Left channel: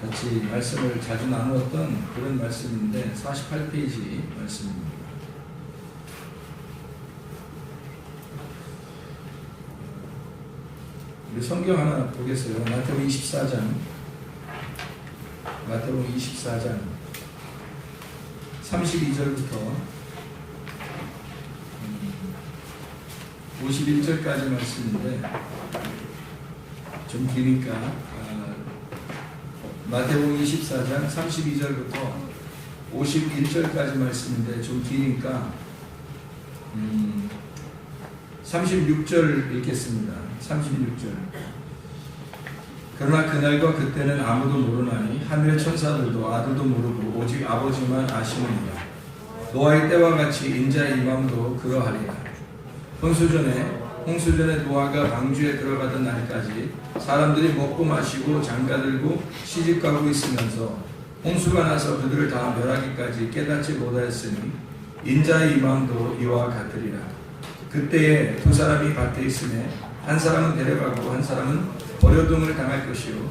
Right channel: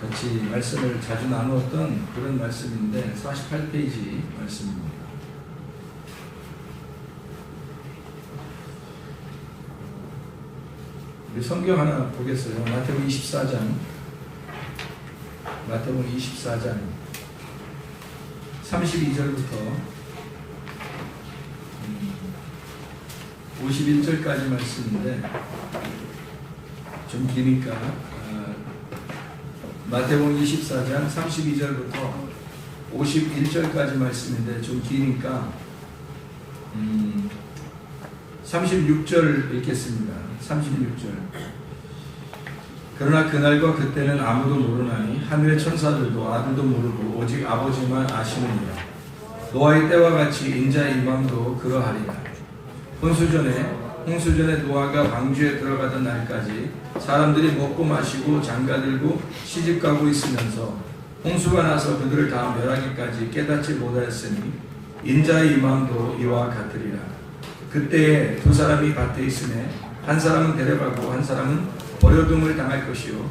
같이 말씀을 자주 나누었던 그런 말씀인데 48페이지 말씀입니다. 우리 성경 하나 보겠어요. 마태복음 24장 32절부터 51절까지 말씀인데 좀 기니까 마태복음 24장 32절부터 51절까지 말씀인데 좀 기니까 36절 읽겠습니다. 36절. 그러나 그날과 그때는 아무도 모르나니 하늘의 천사들도 아들도 모르고 오직 아버지만 아시느니라. 노아의 때와 같이 인자의 임함도 그러하리라. 홍수전에 노아가 방주에 들어가던 날까지 사람들이 먹고 마시고 장가들고 시집가고 있으면서 홍수가 나서 그들을 다 멸하기까지 깨닫지 못하였으니 인자의 임함도 이와 같으리라. 그때에 두 사람이 밭에 있음에 한 사람은 데려가고 한 사람은 버려둠을 당할 것이요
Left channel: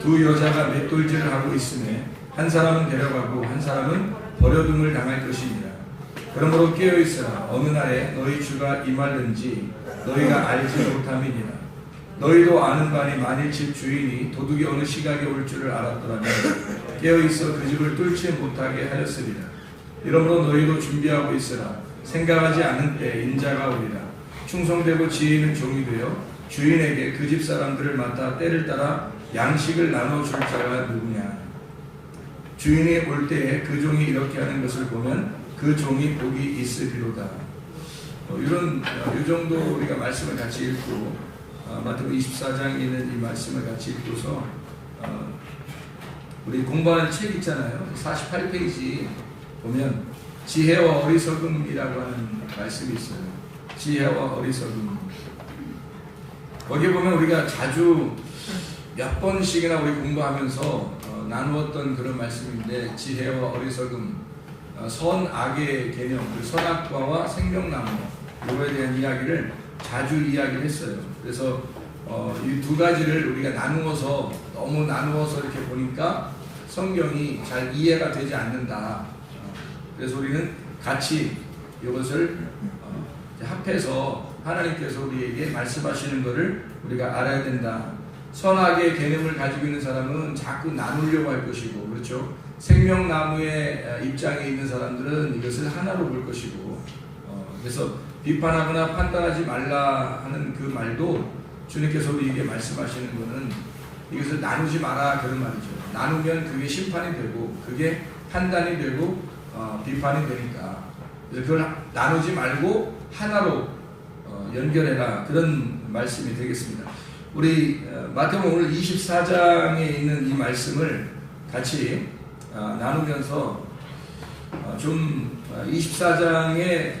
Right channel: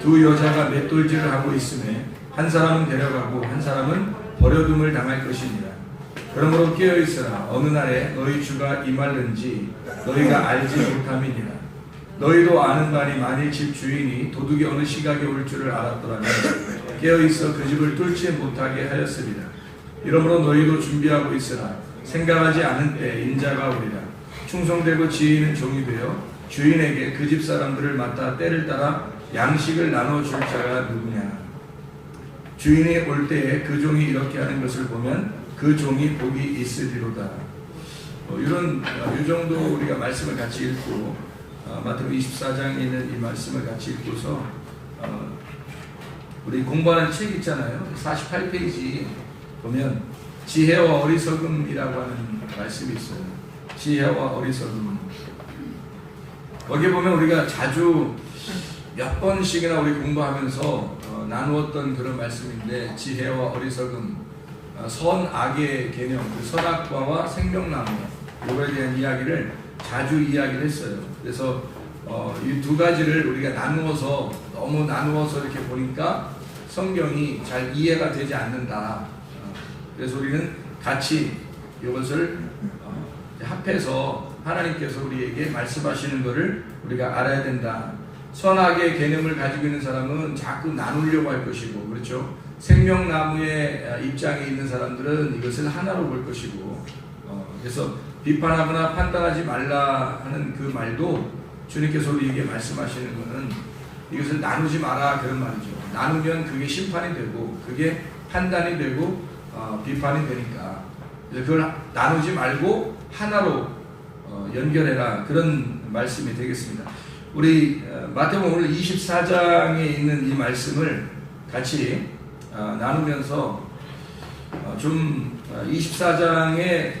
두 여자가 맷돌질을 하고 있음에 한 사람은 데려가고 한 사람은 버려둠을 당할 것이니라. 그러므로 깨어있으라. 어느 날에 너희 주가 임할는지 너희가 알지 못함이니라. 너희도 아는 바니 만일 집 주인이 도둑이 어느 시각에 올 줄을 알았더라면 깨어있어 그 집을 뚫지 못하게 하였으리라. 이러므로 너희도 준비하고 있으라. 생각하지 않은 때 인자가 오리라. 충성되고 지혜 있는 종이 되어 주인에게 그 집 사람들을 맡아 때를 따라 양식을 나눠줄 자가 누구냐. 주인이 올 때에 그 종이 이렇게 하는 것을 보면 그 종이 복이 있으리로다. 이 정도 우리가 말씀을 같이 읽고 마태복음 24장에 있는 이 말씀을 같이 읽고서 우리 공부하는 책 있잖아요. 48페이지 보면 지혜와 어리석음이라고 하는 말씀이 있어요. 지혜와 어리석음. 거기 보면 우리가 자주 몇 번씩이나 우리 공부하면서 나누었던 그런 말씀인데 지혜와 어리석음, 선악의 개념, 선악과와 생명나무 이거에 대한 이야기를 자주 이야기를 했어요. 그래서 이 두 가지를 우리가 너무 나누어서 이렇게 보니까 성경이 잘 이해가 되지 않는다. 그래서 우리는 같이 이것을 합해서 하나님께서 우리에게 말씀하시는 것을 우리가 알아야 된다. 선악의 개념을 가지고 있는 사람은 자꾸 나누려고 할 것이고, 그렇죠? 생명나무의 입장에 있는 사람들은 이것을 하나로 볼 것이고, 그래서 비판하거나 판단하지 말라 하는 그 말도 주님께서 우리에게 말씀하시는 것은 이것을 나누지 마라 그런 말이죠. 나누면 그게 심판이 되고, 그게 판단이 되고, 비판이 되니까 그걸 나누지 말고 하나로 연결해라 그런 말씀이 되겠습니다. 우리 마태복음 오늘 24장에 있는 이 말씀을 같이 나누면서 좀 24장의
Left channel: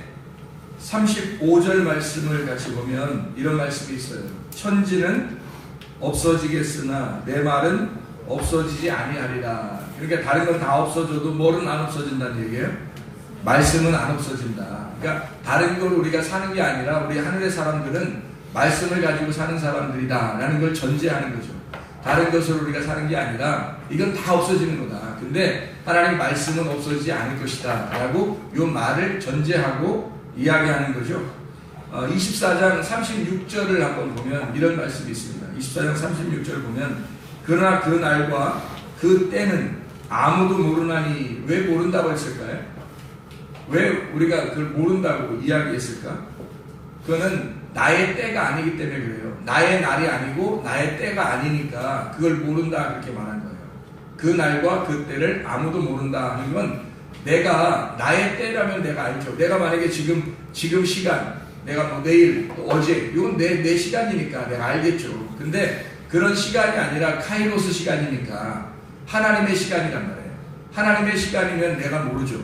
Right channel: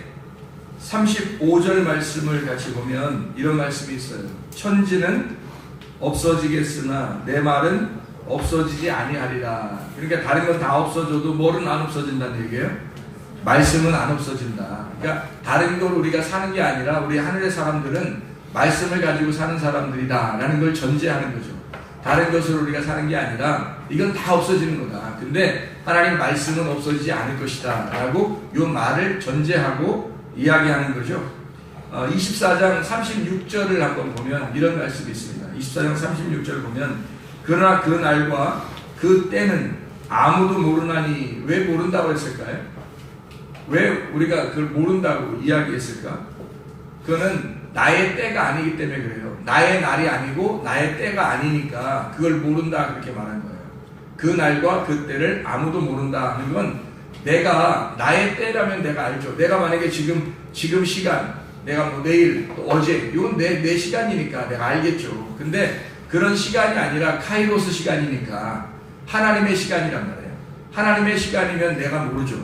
35절 말씀을 같이 보면 이런 말씀이 있어요. 천지는 없어지겠으나 내 말은 없어지지 아니하리라. 그러니까 다른 건 다 없어져도 뭐는 안 없어진다는 얘기예요? 말씀은 안 없어진다. 그러니까 다른 걸 우리가 사는 게 아니라 우리 하늘의 사람들은 말씀을 가지고 사는 사람들이다 라는 걸 전제하는 거죠. 다른 것을 우리가 사는 게 아니라 이건 다 없어지는 거다. 근데 하나님 말씀은 없어지지 않을 것이다 라고 이 말을 전제하고 이야기하는 거죠. 24장 36절을 한번 보면 이런 말씀이 있습니다. 24장 36절을 보면 그러나 그 날과 그 때는 아무도 모르나니. 왜 모른다고 했을까요? 왜 우리가 그걸 모른다고 이야기했을까? 그거는 나의 때가 아니기 때문에 그래요. 나의 날이 아니고 나의 때가 아니니까 그걸 모른다 그렇게 말한 거예요. 그 날과 그 때를 아무도 모른다 하는 건 내가 나의 때라면 내가 알죠. 내가 만약에 지금 시간, 내가 뭐 내일, 또 어제 이건 내 시간이니까 내가 알겠죠. 근데 그런 시간이 아니라 카이로스 시간이니까 하나님의 시간이란 말이에요. 하나님의 시간이면 내가 모르죠.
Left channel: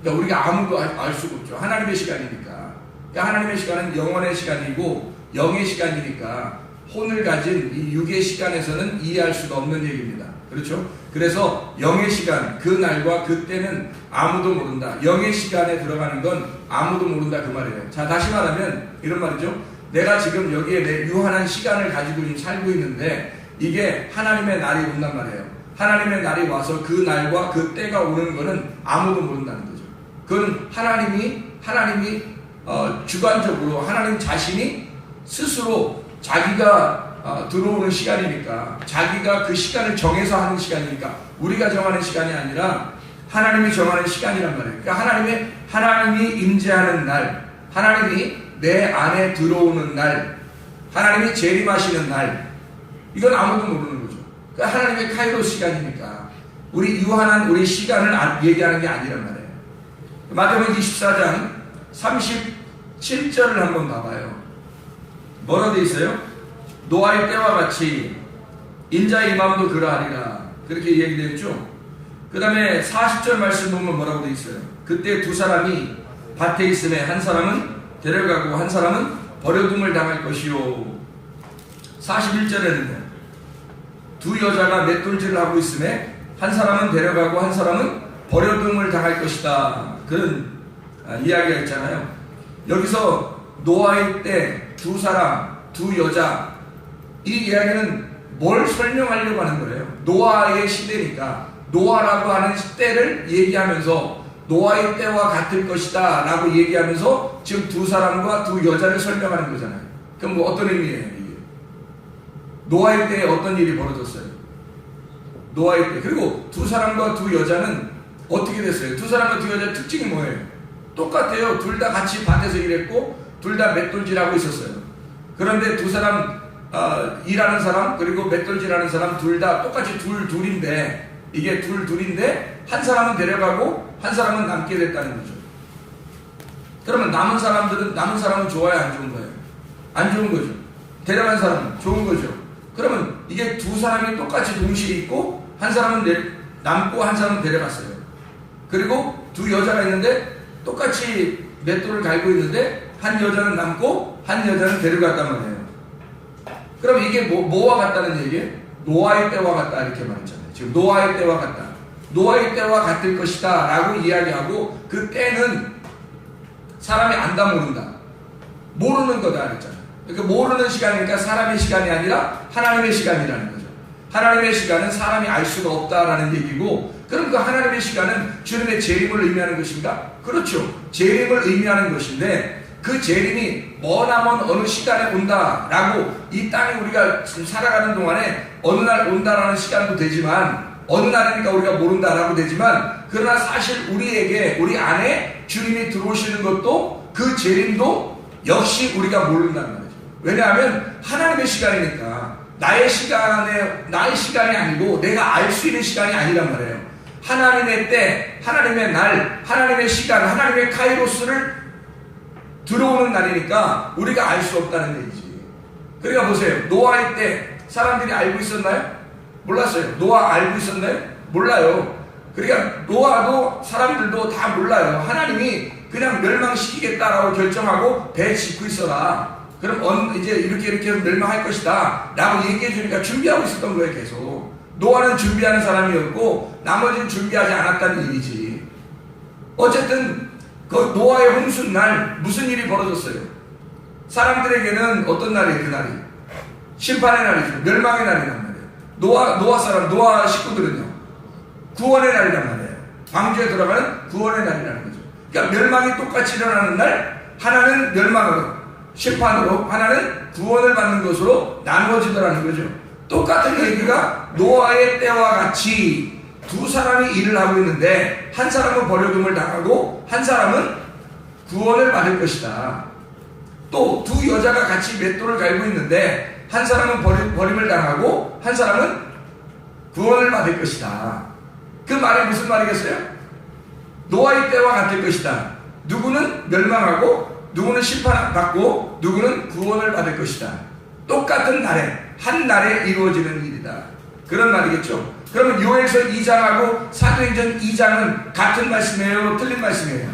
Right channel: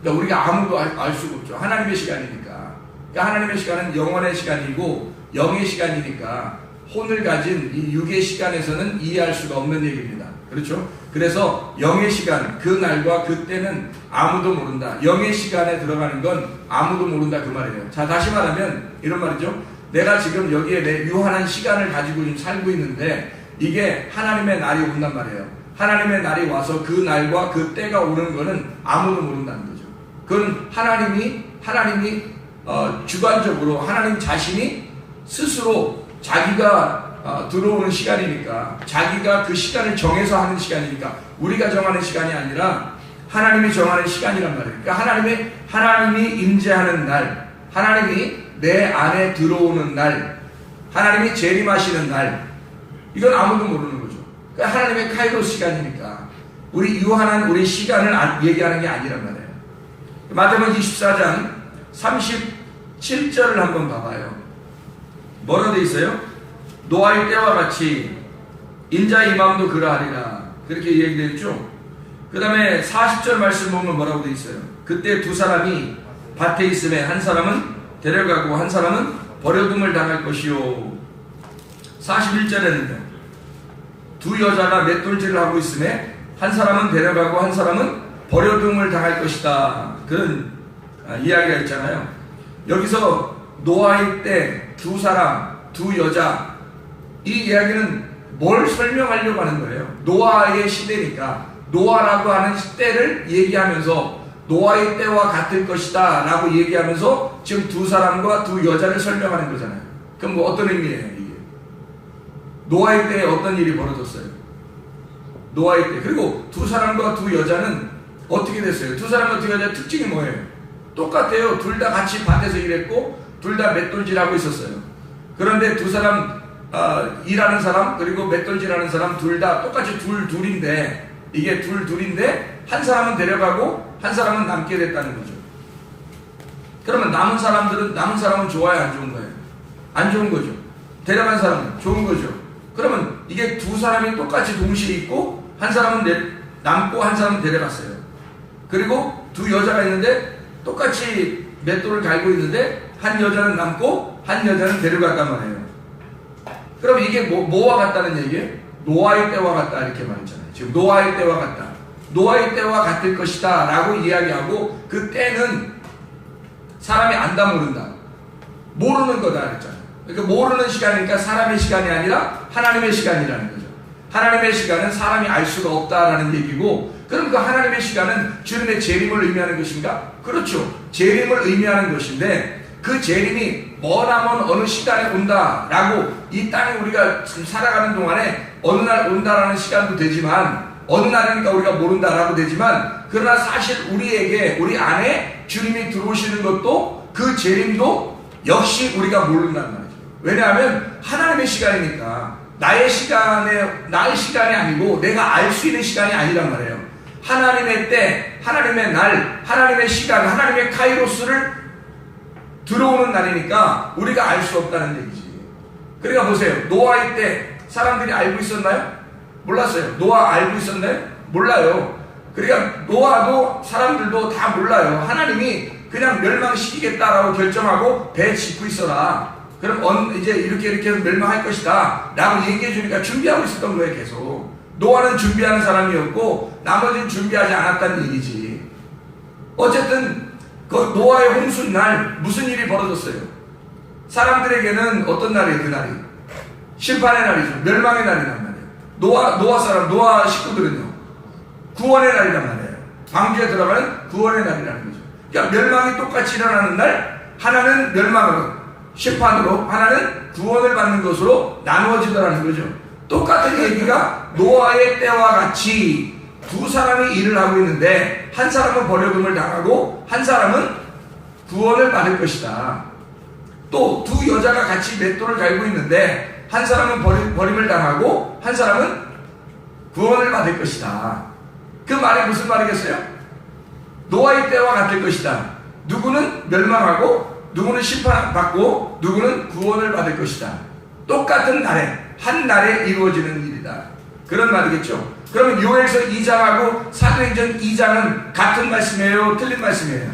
그러니까 우리가 아무도 알 수가 없죠. 하나님의 시간이니까. 그러니까 하나님의 시간은 영원의 시간이고 영의 시간이니까 혼을 가진 이 육의 시간에서는 이해할 수가 없는 얘기입니다. 그렇죠? 그래서 영의 시간, 그 날과 그 때는 아무도 모른다. 영의 시간에 들어가는 건 아무도 모른다 그 말이에요. 자, 다시 말하면 이런 말이죠. 내가 지금 여기에 내 유한한 시간을 가지고 살고 있는데 이게 하나님의 날이 온단 말이에요. 하나님의 날이 와서 그 날과 그 때가 오는 것은 아무도 모른다는 거죠. 그건 하나님이 주관적으로 하나님 자신이 스스로 자기가 들어오는 시간이니까, 자기가 그 시간을 정해서 하는 시간이니까, 우리가 정하는 시간이 아니라 하나님이 정하는 시간이란 말이에요. 그러니까 하나님이 임재하는 날, 하나님이 내 안에 들어오는 날, 하나님이 재림하시는 날, 이건 아무도 모르는 거죠. 그러니까 하나님의 카이로스 시간이니까 우리 유한한 우리 시간을 얘기하는 게 아니란 말이에요. 마태복음 24장 37절을 한번 봐봐요. 뭐라 돼 있어요? 노아의 때와 같이 인자의 임함도 그러하리라, 그렇게 얘기되어 있죠. 그 다음에 40절 말씀 보면 뭐라고 돼 있어요? 그때 두 사람이 밭에 있음에 한 사람은 데려가고 한 사람은 버려둠을 당할 것이요. 41절에는요, 두 여자가 맷돌질을 하고 있음에 한 사람은 데려가고 한 사람은 버려둠을 당할 것이다, 그런 이야기가 있잖아요. 여기서 노아의 때 두 사람, 두 여자, 이 이야기는 뭘 설명하려고 하는 거예요? 노아의 시대니까 노아라고 하는 때를 얘기하면서 노아의 때와 같을 것이다 라고 얘기하면서 지금 두 사람과 두 여자를 설명하는 거잖아요. 그럼 뭐 어떤 의미예요 이게? 노아의 때에 어떤 일이 벌어졌어요? 노아의 때. 그리고 두 사람과 두 여자는 어떻게 됐어요? 두 사람과 두 여자의 특징이 뭐예요? 똑같아요. 둘 다 같이 밭에서 일했고 둘 다 맷돌질하고 있었어요. 그런데 두 사람 일하는 사람 그리고 맷돌질하는 사람 둘 다 똑같이 둘인데, 이게 둘인데 한 사람은 데려가고 한 사람은 남게 됐다는 거죠. 그러면 남은 사람은 좋아요, 안 좋은 거예요? 안 좋은 거죠. 데려간 사람은 좋은 거죠. 그러면 이게 두 사람이 똑같이 동시에 있고 한 사람은 남고 한 사람은 데려갔어요. 그리고 두 여자가 있는데 똑같이 맷돌을 갈고 있는데 한 여자는 남고 한 여자는 데려갔단 말이에요. 그럼 이게 뭐와 같다는 얘기예요? 노아의 때와 같다, 이렇게 말했잖아요. 지금 노아의 때와 같다, 노아의 때와 같을 것이다 라고 이야기하고, 그 때는 사람이 안다 모른다, 모르는 거다 그랬잖아요. 그러니까 모르는 시간이니까 사람의 시간이 아니라 하나님의 시간이라는 거죠. 하나님의 시간은 사람이 알 수가 없다라는 얘기고, 그럼 그 하나님의 시간은 주님의 재림을 의미하는 것인가? 그렇죠. 재림을 의미하는 것인데, 그 재림이 머나먼 어느 시간에 온다라고, 이 땅에 우리가 지금 살아가는 동안에 어느 날 온다라는 시간도 되지만, 어느 날이니까 우리가 모른다라고 되지만, 그러나 사실 우리에게, 우리 안에 주님이 들어오시는 것도, 그 재림도 역시 우리가 모른다는 거죠. 왜냐하면 하나님의 시간이니까 나의 시간이 아니고 내가 알 수 있는 시간이 아니란 말이에요. 하나님의 때, 하나님의 날, 하나님의 시간, 하나님의 카이로스를 들어오는 날이니까 우리가 알 수 없다는 얘기지. 그러니까 보세요. 노아의 때 사람들이 알고 있었나요? 몰랐어요. 노아 알고 있었나요? 몰라요. 그러니까 노아도 사람들도 다 몰라요. 하나님이 그냥 멸망시키겠다라고 결정하고 배 짓고 있어라, 그럼 이제 이렇게 멸망할 것이다 라고 얘기해 주니까 준비하고 있었던 거예요. 계속 노아는 준비하는 사람이었고 나머지는 준비하지 않았다는 얘기지. 어쨌든 그 노아의 홍수 날 무슨 일이 벌어졌어요? 사람들에게는 어떤 날이에요? 그 날이 심판의 날이죠. 멸망의 날이란 말이에요. 노아 식구들은요, 구원의 날이란 말이에요. 방주에 들어가는 구원의 날이라는 거죠. 그러니까 멸망이 똑같이 일어나는 날, 하나는 멸망으로, 심판으로, 하나는 구원을 받는 것으로 나누어지더라는 거죠. 똑같은 얘기가 노아의 때와 같이 두 사람이 일을 하고 있는데, 한 사람은 버려둠을 당하고 한 사람은 구원을 받을 것이다. 또 두 여자가 같이 맷돌을 갈고 있는데 한 사람은 버림을 당하고 한 사람은 구원을 받을 것이다. 그 말이 무슨 말이겠어요? 노아의 때와 같을 것이다. 누구는 멸망하고 누구는 심판받고 누구는 구원을 받을 것이다. 똑같은 날에, 한 날에 이루어지는 일이다, 그런 말이겠죠. 그러면 요엘서 2장하고 사도행전 2장은 같은 말씀이에요? 틀린 말씀이에요?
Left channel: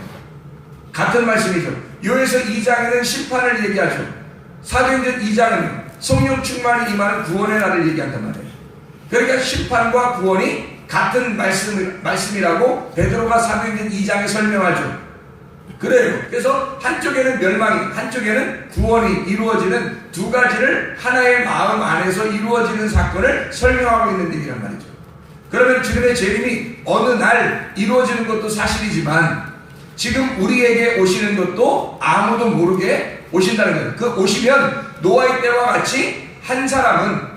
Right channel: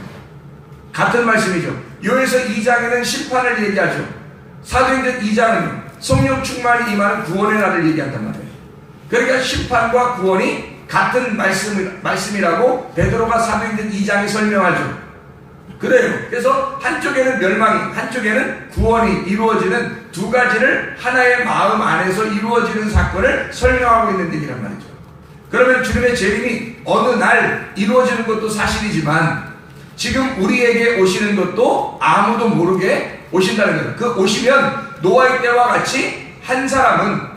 같은 말씀이죠. 요엘서 2장에는 심판을 얘기하죠. 사도행전 2장은 성령 충만이 임하는 구원의 날을 얘기한단 말이에요. 그러니까 심판과 구원이 같은 말씀이라고 베드로가 사도행전 2장에 설명하죠. 그래요. 그래서 한쪽에는 멸망이, 한쪽에는 구원이 이루어지는 두 가지를 하나의 마음 안에서 이루어지는 사건을 설명하고 있는 일이란 말이죠. 그러면 주님의 재림이 어느 날 이루어지는 것도 사실이지만 지금 우리에게 오시는 것도 아무도 모르게 오신다는 거예요. 그 오시면 노아의 때와 같이 한 사람은,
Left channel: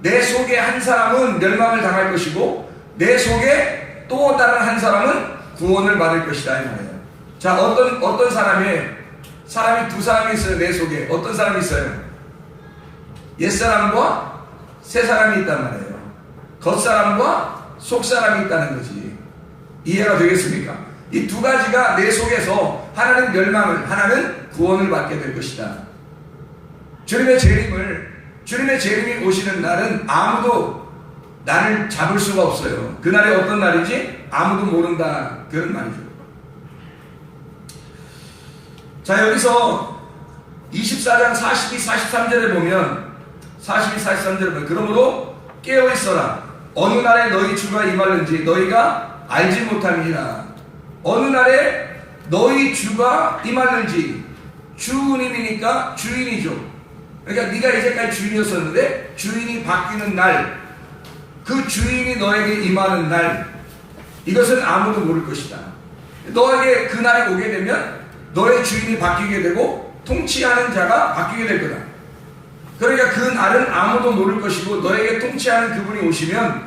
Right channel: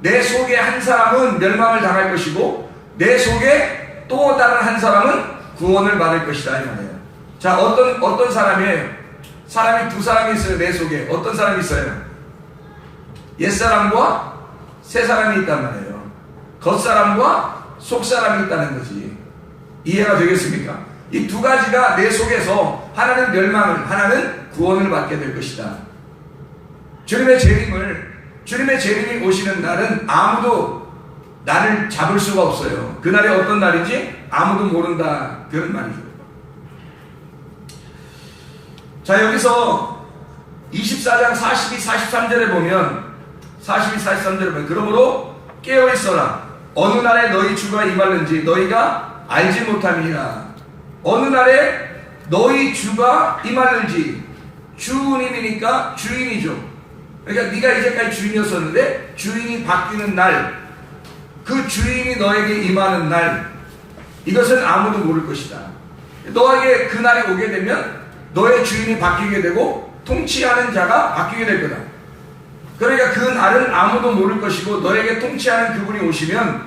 내 속에 한 사람은 멸망을 당할 것이고 내 속에 또 다른 한 사람은 구원을 받을 것이다 이 말이에요. 자, 어떤 사람이에요? 사람이 두 사람이 있어요. 내 속에 어떤 사람이 있어요? 옛사람과 새사람이 있단 말이에요. 겉사람과 속사람이 있다는 거지. 이해가 되겠습니까? 이 두 가지가 내 속에서 하나는 멸망을, 하나는 구원을 받게 될 것이다. 주님의 재림이 오시는 날은 아무도 나를 잡을 수가 없어요. 그날이 어떤 날인지 아무도 모른다, 그런 말이죠. 자, 여기서 24장 42, 43절에 보면, 42, 43절에 보면, 그러므로 깨어있어라. 어느 날에 너희 주가 임하는지 너희가 알지 못함이니라. 어느 날에 너희 주가 임하는지, 주님이니까 주인이죠. 그러니까 네가 이제까지 주인이었었는데 주인이 바뀌는 날, 그 주인이 너에게 임하는 날, 이것은 아무도 모를 것이다. 너에게 그 날이 오게 되면 너의 주인이 바뀌게 되고 통치하는 자가 바뀌게 될 거다. 그러니까 그 날은 아무도 모를 것이고 너에게 통치하는 그분이 오시면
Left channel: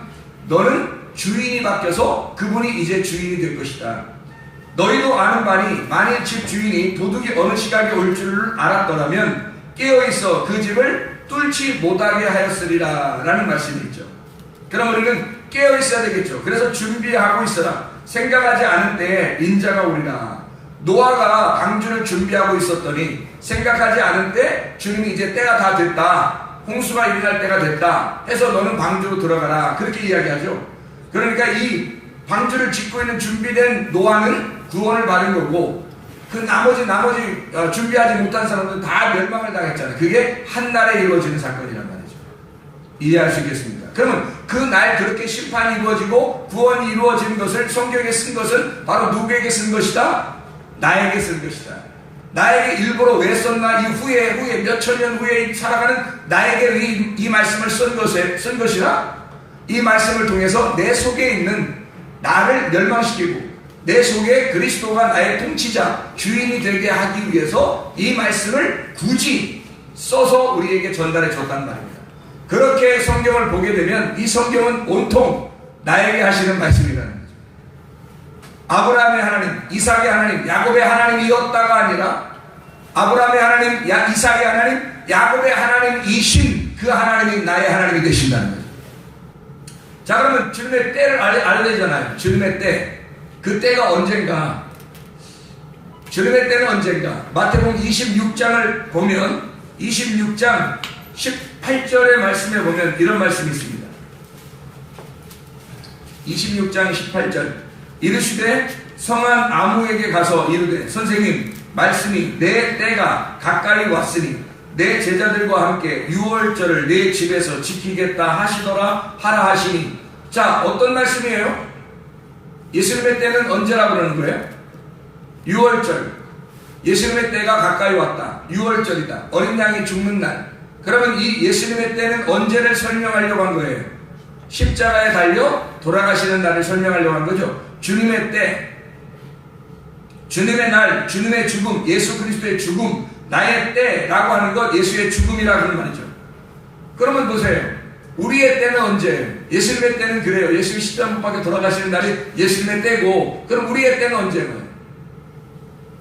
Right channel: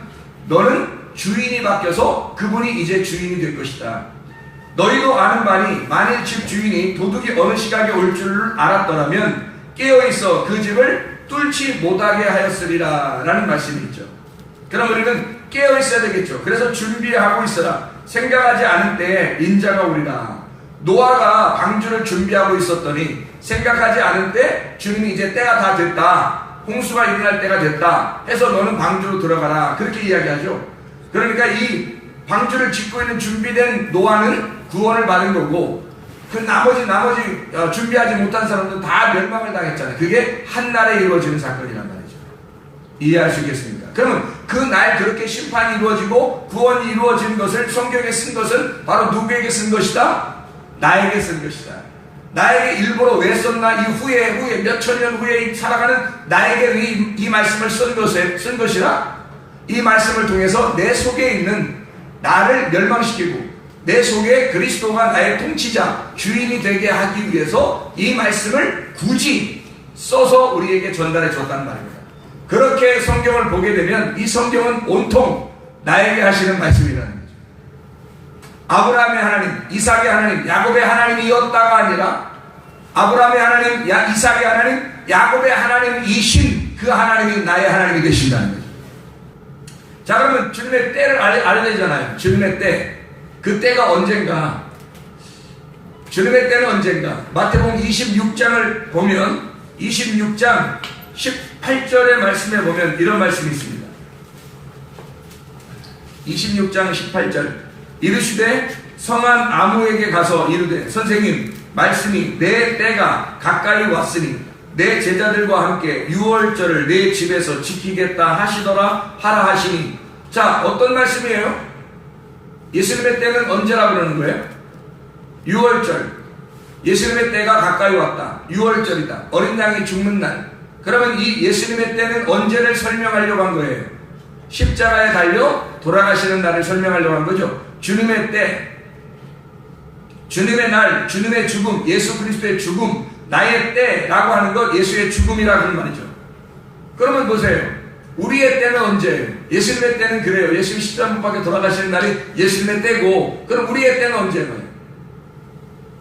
너는 주인이 바뀌어서 그분이 이제 주인이 될 것이다. 너희도 아는 바니 만일 집 주인이 도둑이 어느 시각에 올 줄을 알았더라면 깨어있어 그 집을 뚫지 못하게 하였으리라 라는 말씀이 있죠. 그럼 우리는 깨어있어야 되겠죠. 그래서 준비하고 있어라. 생각하지 않은 때에 인자가 오리라. 노아가 방주를 준비하고 있었더니 생각하지 않은 때 주님이 이제 때가 다 됐다, 홍수가 일어날 때가 됐다 해서 너는 방주로 들어가라, 그렇게 이야기하죠. 그러니까 이 방주를 짓고 있는 준비된 노아는 구원을 받은 거고, 그 나머지 준비하지 못한 사람들은 다 멸망을 당했잖아요. 그게 한날에 이루어지는 사건이란 말이죠. 이해할 수 있겠습니까? 그러면 그 날 그렇게 심판이 이루어지고 구원이 이루어지는 것을 성경에 쓴 것은 바로 누구에게 쓴 것이다? 나에게 쓴 것이다. 나에게 일부러 왜 썼나? 이 후에 몇천 년 후에 살아가는 나에게 이 말씀을 쓴 것이라, 이 말씀을 통해서 내 속에 있는 나를 멸망시키고 내 속에 그리스도가 나의 통치자, 주인이 되게 하기 위해서 이 말씀을 굳이 써서 우리에게 전달해 줬단 말입니다. 그렇게 성경을 보게 되면 이 성경은 온통 나에게 하시는 말씀이라는 거죠. 아브라함의 하나님, 이삭의 하나님, 야곱의 하나님이었다가 아니라 아브라함의 하나님, 이삭의 하나님, 야곱의 하나님이신 그 하나님이 나의 하나님이 되신다는 거죠. 자, 그러면 주님의 때를 알려잖아요. 주님의 때. 그 때가 언젠가? 주님의 때는 언젠가? 마태복음 26장을 보면 26장 18절의 말씀에 보면 이런 말씀이 있습니다. 26장 18절. 이르시되 성한 아무에게 가서 이르되 선생님 말씀이 내 때가 가까이 왔으니 내 제자들과 함께 유월절을 내 집에서 지키겠다 하시더라 하라 하시니. 자, 어떤 말씀이에요? 예수님의 때는 언제라 그러는 거예요? 유월절. 예수님의 때가 가까이 왔다. 유월절이다. 어린 양이 죽는 날. 그러면 이 예수님의 때는 언제를 설명하려고 한 거예요? 십자가에 달려 돌아가시는 날을 설명하려고 한 거죠. 주님의 때, 주님의 날, 주님의 죽음, 예수 그리스도의 죽음, 나의 때라고 하는 것, 예수의 죽음이라는 말이죠. 그러면 보세요. 우리의 때는 언제예요? 예수님의 때는 그래요. 예수님 십자가 못 박혀 돌아가시는 날이 예수님의 때고, 그럼 우리의 때는 언제예요?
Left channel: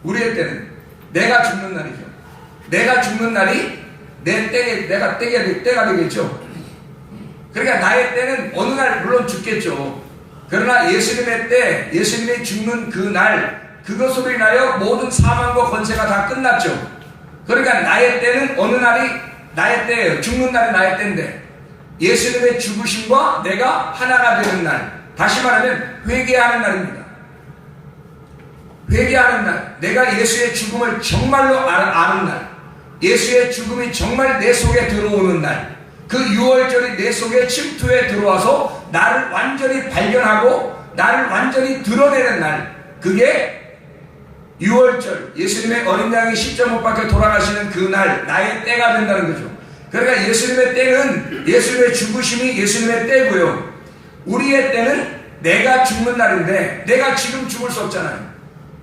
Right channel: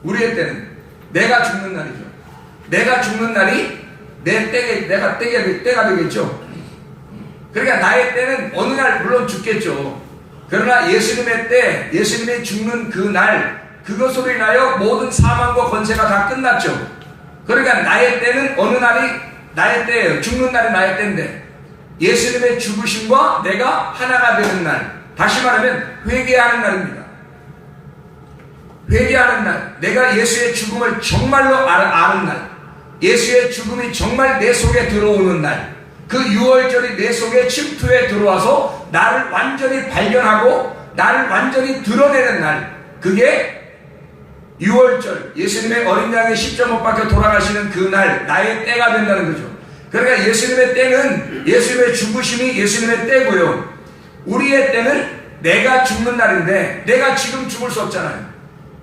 우리의 때는 내가 죽는 날이죠. 내가 죽는 날이 내가 때가 되겠죠. 그러니까 나의 때는 어느 날 물론 죽겠죠. 그러나 예수님의 때, 예수님이 죽는 그 날, 그것으로 인하여 모든 사망과 권세가 다 끝났죠. 그러니까 나의 때는 어느 날이 나의 때예요. 죽는 날이 나의 때인데 예수님의 죽으심과 내가 하나가 되는 날, 다시 말하면 회개하는 날입니다. 회개하는 날, 내가 예수의 죽음을 정말로 아는 날, 예수의 죽음이 정말 내 속에 들어오는 날, 그 유월절이 내 속에 침투해 들어와서 나를 완전히 발견하고 나를 완전히 드러내는 날, 그게 유월절, 예수님의 어린 양이 십자가 못 박혀 돌아가시는 그 날, 나의 때가 된다는 거죠. 그러니까 예수님의 때는 예수님의 죽으심이 예수님의 때고요. 우리의 때는 내가 죽는 날인데 내가 지금 죽을 수 없잖아요.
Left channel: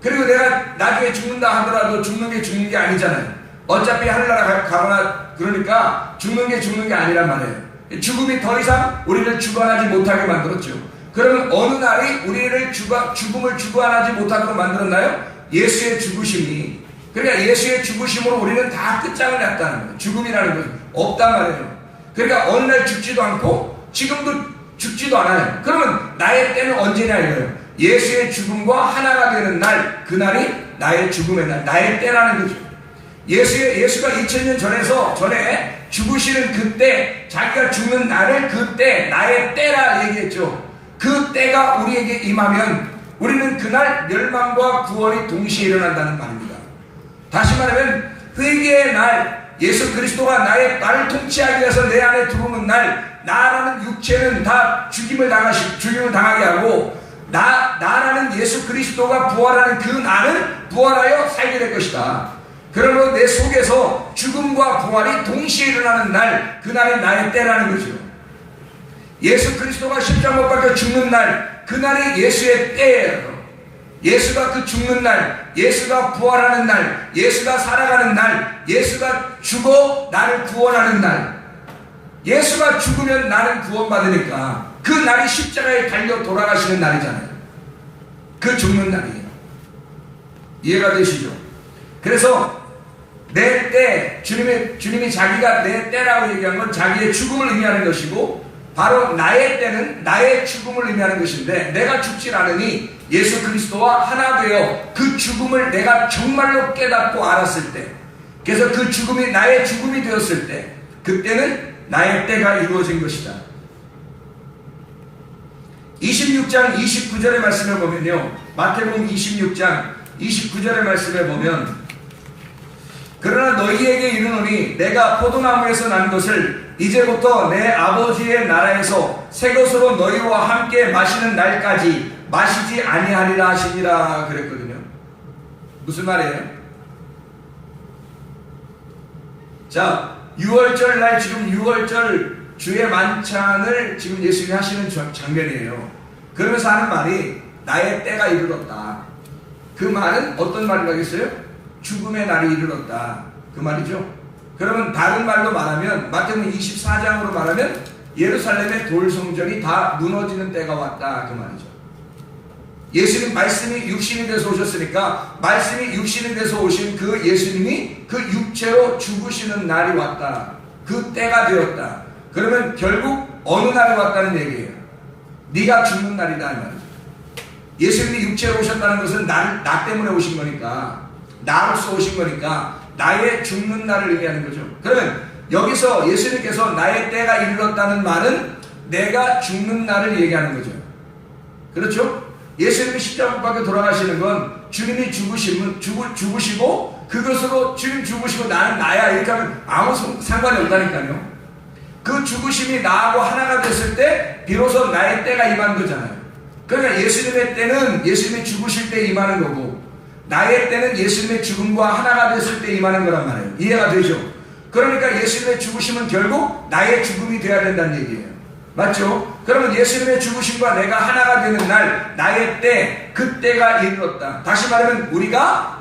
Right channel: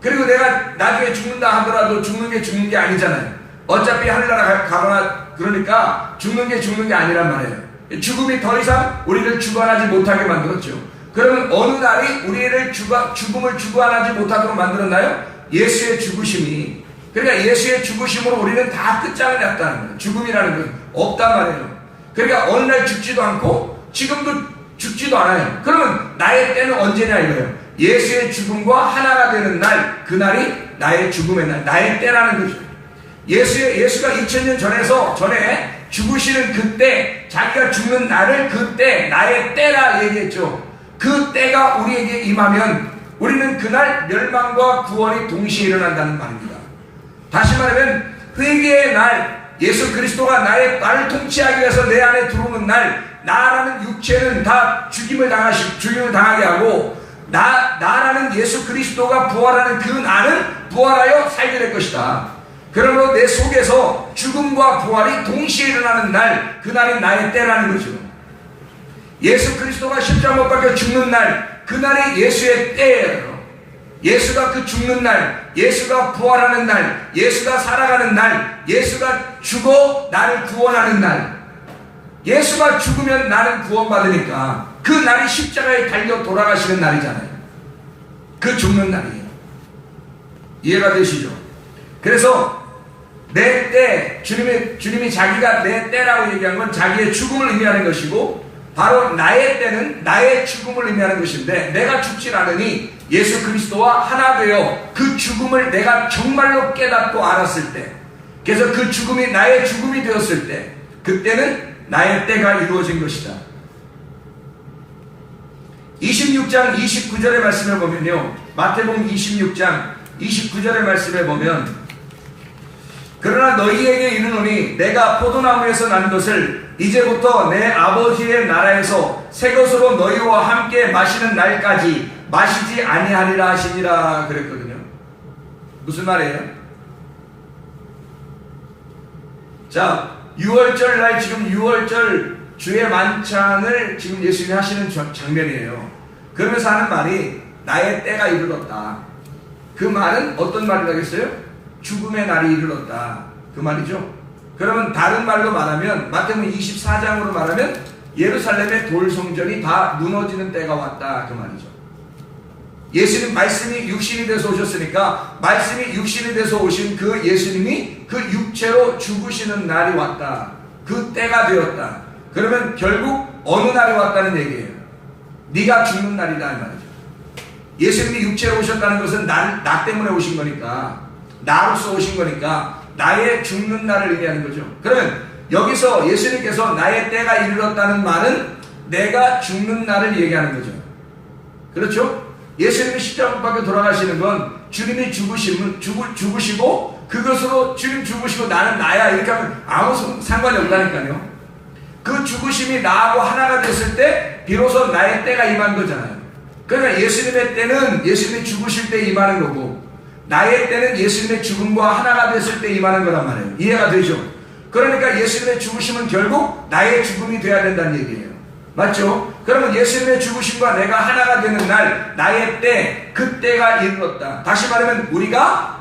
그리고 내가 나중에 죽는다 하더라도 죽는 게 아니잖아요. 어차피 하늘나라 가거나 그러니까 죽는 게 아니란 말이에요. 죽음이 더 이상 우리를 주관하지 못하게 만들었죠. 그러면 어느 날이 우리를 죽음을 주관하지 못하도록 만들었나요? 예수의 죽으심이. 그러니까 예수의 죽으심으로 우리는 다 끝장을 났다는 거예요. 죽음이라는 건 없단 말이에요. 그러니까 어느 날 죽지도 않고 지금도 죽지도 않아요. 그러면 나의 때는 언제냐 이거예요. 예수의 죽음과 하나가 되는 날, 그날이 나의 죽음의 날, 나의 때라는 거죠. 예수가 2000년 전에 죽으시는 그때, 자기가 죽는 날을 그때, 나의 때라 얘기했죠. 그 때가 우리에게 임하면 우리는 그날 멸망과 구원이 동시에 일어난다는 말입니다. 다시 말하면 회개의 날, 예수 그리스도가 나를 통치하기 위해서 내 안에 들어오는 날, 나라는 육체는 다 죽임을 당하게 하고 나라는 예수 그리스도가 부활하는 그 날은 부활하여 살게 될 것이다. 그러므로 내 속에서 죽음과 부활이 동시에 일어나는 날, 그날은 나의 때라는 거죠. 예수 그리스도가 십자가 못 박혀 죽는 날, 그날이 예수의 때예요. 예수가 그 죽는 날, 예수가 부활하는 날, 예수가 살아가는 날, 예수가 죽어 나를 구원하는 날, 예수가 죽으면 나는 구원받으니까 그 날이 십자가에 달려 돌아가시는 날이잖아요. 그 죽는 날이에요. 이해가 되시죠? 그래서 내 때, 주님이 자기가 내 때라고 얘기한 건 자기의 죽음을 의미하는 것이고, 바로 나의 때는 나의 죽음을 의미하는 것인데, 내가 죽질 않으니 예수 그리스도와 하나 되어 그 죽음을 내가 정말로 깨닫고 알았을 때, 그래서 그 죽음이 나의 죽음이 되었을 때, 그때는 나의 때가 이루어진 것이다. 26장 29절의 말씀을 보면요, 마태복음 26장 29절의 말씀에 보면, 그러나 너희에게 이르노니 내가 포도나무에서 난 것을 이제부터 내 아버지의 나라에서 새 것으로 너희와 함께 마시는 날까지 마시지 아니하리라 하시니라 그랬거든요. 무슨 말이에요? 자, 6월절 날, 지금 6월절 주의 만찬을 지금 예수님이 하시는 장면이에요. 그러면서 하는 말이 나의 때가 이르렀다. 그 말은 어떤 말을 하겠어요? 죽음의 날이 이르렀다. 그 말이죠. 그러면 다른 말로 말하면, 마태복음 24장으로 말하면 예루살렘의 돌성전이 다 무너지는 때가 왔다. 그 말이죠. 예수님 말씀이 육신이 돼서 오셨으니까, 말씀이 육신이 돼서 오신 그 예수님이 그 육체로 죽으시는 날이 왔다. 그 때가 되었다. 그러면 결국 어느 날이 왔다는 얘기예요? 네가 죽는 날이다 이 말이죠. 예수님이 육체로 오셨다는 것은 나 때문에 오신 거니까, 나로서 오신 거니까 나의 죽는 날을 의미하는 거죠. 그러면 여기서 예수님께서 나의 때가 이르렀다는 말은 내가 죽는 날을 얘기하는 거죠. 그렇죠? 예수님이 십자가 밖에 돌아가시는 건 주님이 죽으시고 그것으로 주님 죽으시고 나는 나야 이렇게 하면 아무 상관이 없다니까요. 그 죽으심이 나하고 하나가 됐을 때 비로소 나의 때가 임하는 거잖아요. 그러니까 예수님의 때는 예수님이 죽으실 때 임하는 거고, 나의 때는 예수님의 죽음과 하나가 됐을 때 임하는 거란 말이에요. 이해가 되죠? 그러니까 예수님의 죽으심은 결국 나의 죽음이 되어야 된다는 얘기예요. 맞죠? 그러면 예수님의 죽으심과 내가 하나가 되는 날, 나의 때, 그때가 이르렀다. 다시 말하면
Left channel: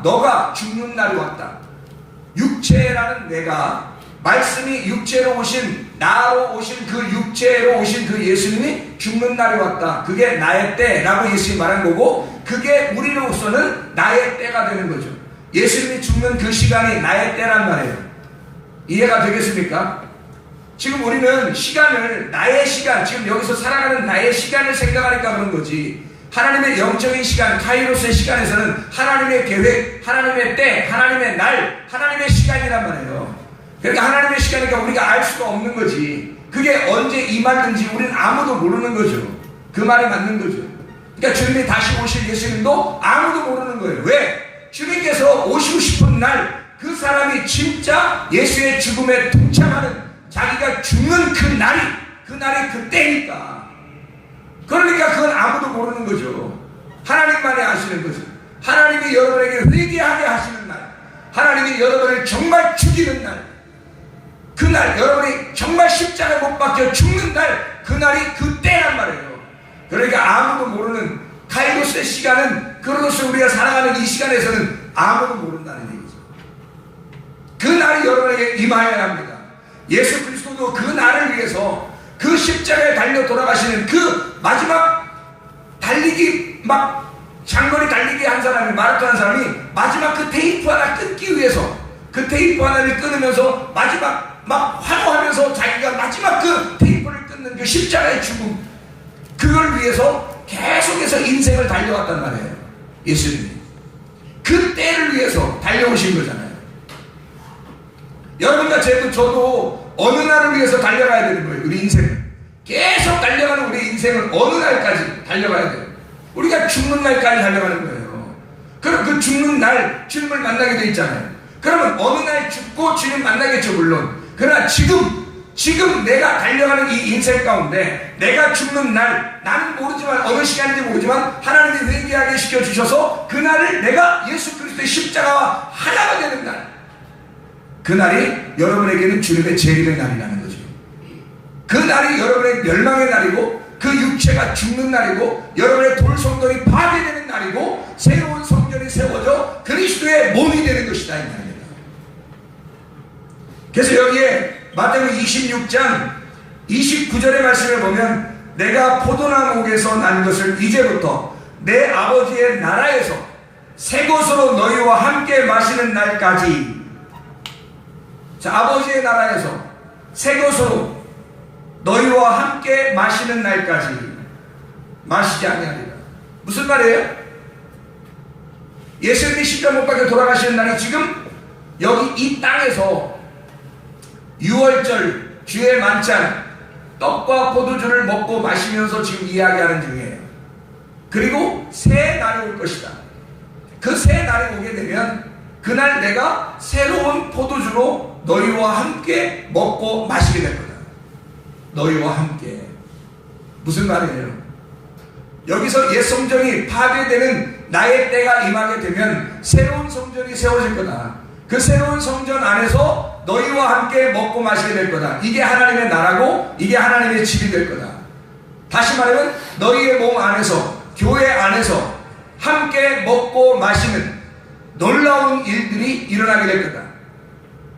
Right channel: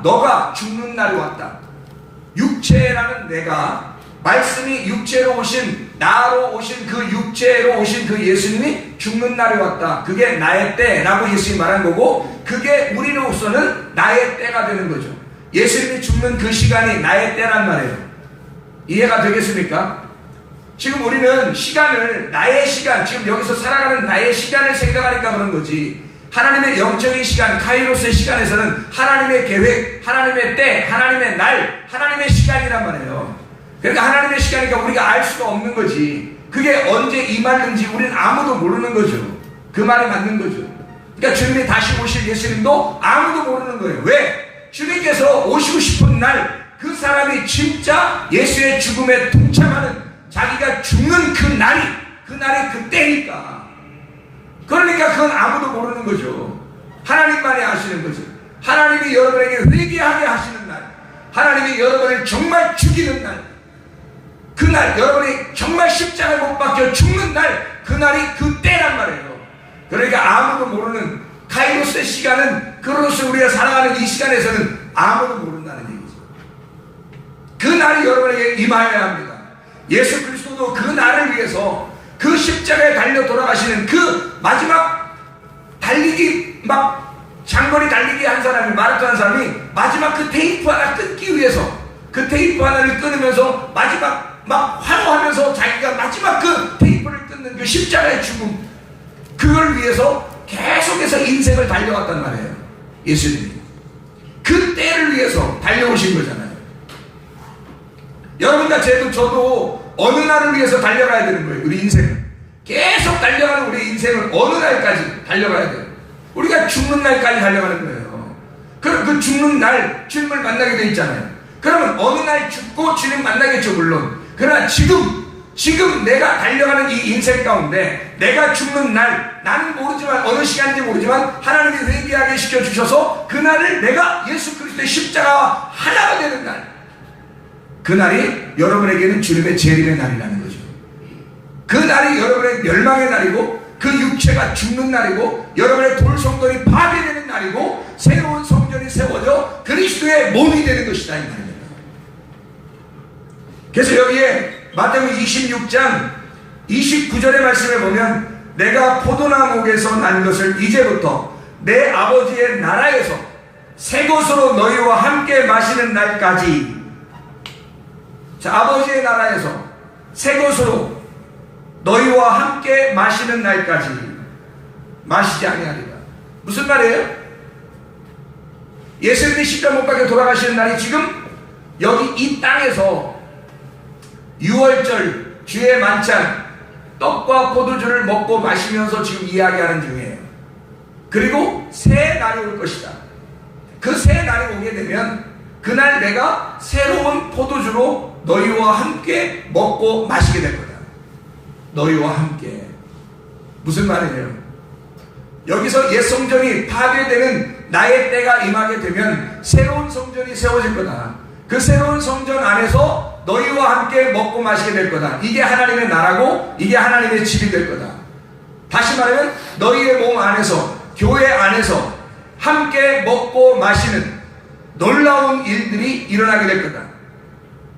너가 죽는 날이 왔다. 육체라는 내가, 말씀이 육체로 오신, 나로 오신 그 육체로 오신 그 예수님이 죽는 날이 왔다. 그게 나의 때라고 예수님이 말한 거고, 그게 우리로서는 나의 때가 되는 거죠. 예수님이 죽는 그 시간이 나의 때란 말이에요. 이해가 되겠습니까? 지금 우리는 시간을, 나의 시간, 지금 여기서 살아가는 나의 시간을 생각하니까 그런 거지, 하나님의 영적인 시간, 카이로스의 시간에서는 하나님의 계획, 하나님의 때, 하나님의 날, 하나님의 시간이란 말이에요. 그러니까 하나님의 시간이니까 우리가 알 수가 없는 거지. 그게 언제 임하는지 우리는 아무도 모르는 거죠. 그 말이 맞는 거죠. 그러니까 주님이 다시 오실 예수님도 아무도 모르는 거예요. 왜? 주님께서 오시고 싶은 날, 그 사람이 진짜 예수의 죽음에 동참하는, 자기가 죽는 그 날이 그때니까. 그러니까 그건 아무도 모르는 거죠. 하나님만이 아시는 거죠. 하나님이 여러분에게 회개하게 하시는 날, 하나님이 여러분을 정말 죽이는 날, 그날 여러분이 정말 십자가에 못 박혀 죽는 날, 그날이 그때란 말이에요. 시간은, 그로서 우리가 살아가는 이 시간에서는 아무도 모른다는 얘기죠. 그 날이 여러분에게 임하여야 합니다. 예수 그리스도도 그 날을 위해서 그 십자가에 달려 돌아가시는 그 마지막 달리기, 막 장거리 달리기 한 사람이, 마라톤 한 사람이 마지막 그 테이프 하나 끊기 위해서, 그 테이프 하나를 끊으면서 마지막 막 환호하면서 자기가 마지막 그 테이프를 끊는 그 십자가의 죽음, 그걸 위해서 계속해서 인생을 달려왔단 말이에요. 예수님이 그 때를 위해서 달려오신 거잖아요. 여러분과 저도 어느 날을 위해서 달려가야 되는 거예요. 우리 인생을 계속 달려가는, 우리 인생을 어느 날까지 달려가야 돼요. 우리가 죽는 날까지 달려가는 거예요. 그럼 그 죽는 날 주님을 만나게 돼 있잖아요. 그러면 어느 날 죽고 주님 만나겠죠, 물론. 그러나 지금 내가 달려가는 이 인생 가운데 내가 죽는 날, 나는 모르지만, 어느 시간인지 모르지만 하나님이 회개하게 시켜주셔서 그날을 내가 예수 그리스도의 십자가와 하나가 되는 날, 그 날이 여러분에게는 주님의 재림의 날이라는 거죠. 그 날이 여러분의 멸망의 날이고, 그 육체가 죽는 날이고, 여러분의 돌성전이 파괴되는 날이고, 새로운 성전이 세워져 그리스도의 몸이 되는 것이다, 이 말입니다. 그래서 여기에 마태복음 26장 29절의 말씀을 보면, 내가 포도나무에서 난 것을 이제부터 내 아버지의 나라에서 새 것으로 너희와 함께 마시는 날까지. 자, 아버지의 나라에서 새 것으로 너희와 함께 마시는 날까지 마시지 아니하리라. 무슨 날이에요? 예수님이 십자가 못 박혀 돌아가시는 날이 지금 여기 이 땅에서 유월절 주의 만찬 떡과 포도주를 먹고 마시면서 지금 이야기하는 중이에요. 그리고 새 날이 올 것이다. 그 새 날이 오게 되면 그날 내가 새로운 포도주로 너희와 함께 먹고 마시게 될 거다. 너희와 함께. 무슨 말이에요? 여기서 옛 성전이 파괴되는 나의 때가 임하게 되면 새로운 성전이 세워질 거다. 그 새로운 성전 안에서 너희와 함께 먹고 마시게 될 거다. 이게 하나님의 나라고, 이게 하나님의 집이 될 거다. 다시 말하면 너희의 몸 안에서, 교회 안에서 함께 먹고 마시는 놀라운 일들이 일어나게 될 거다.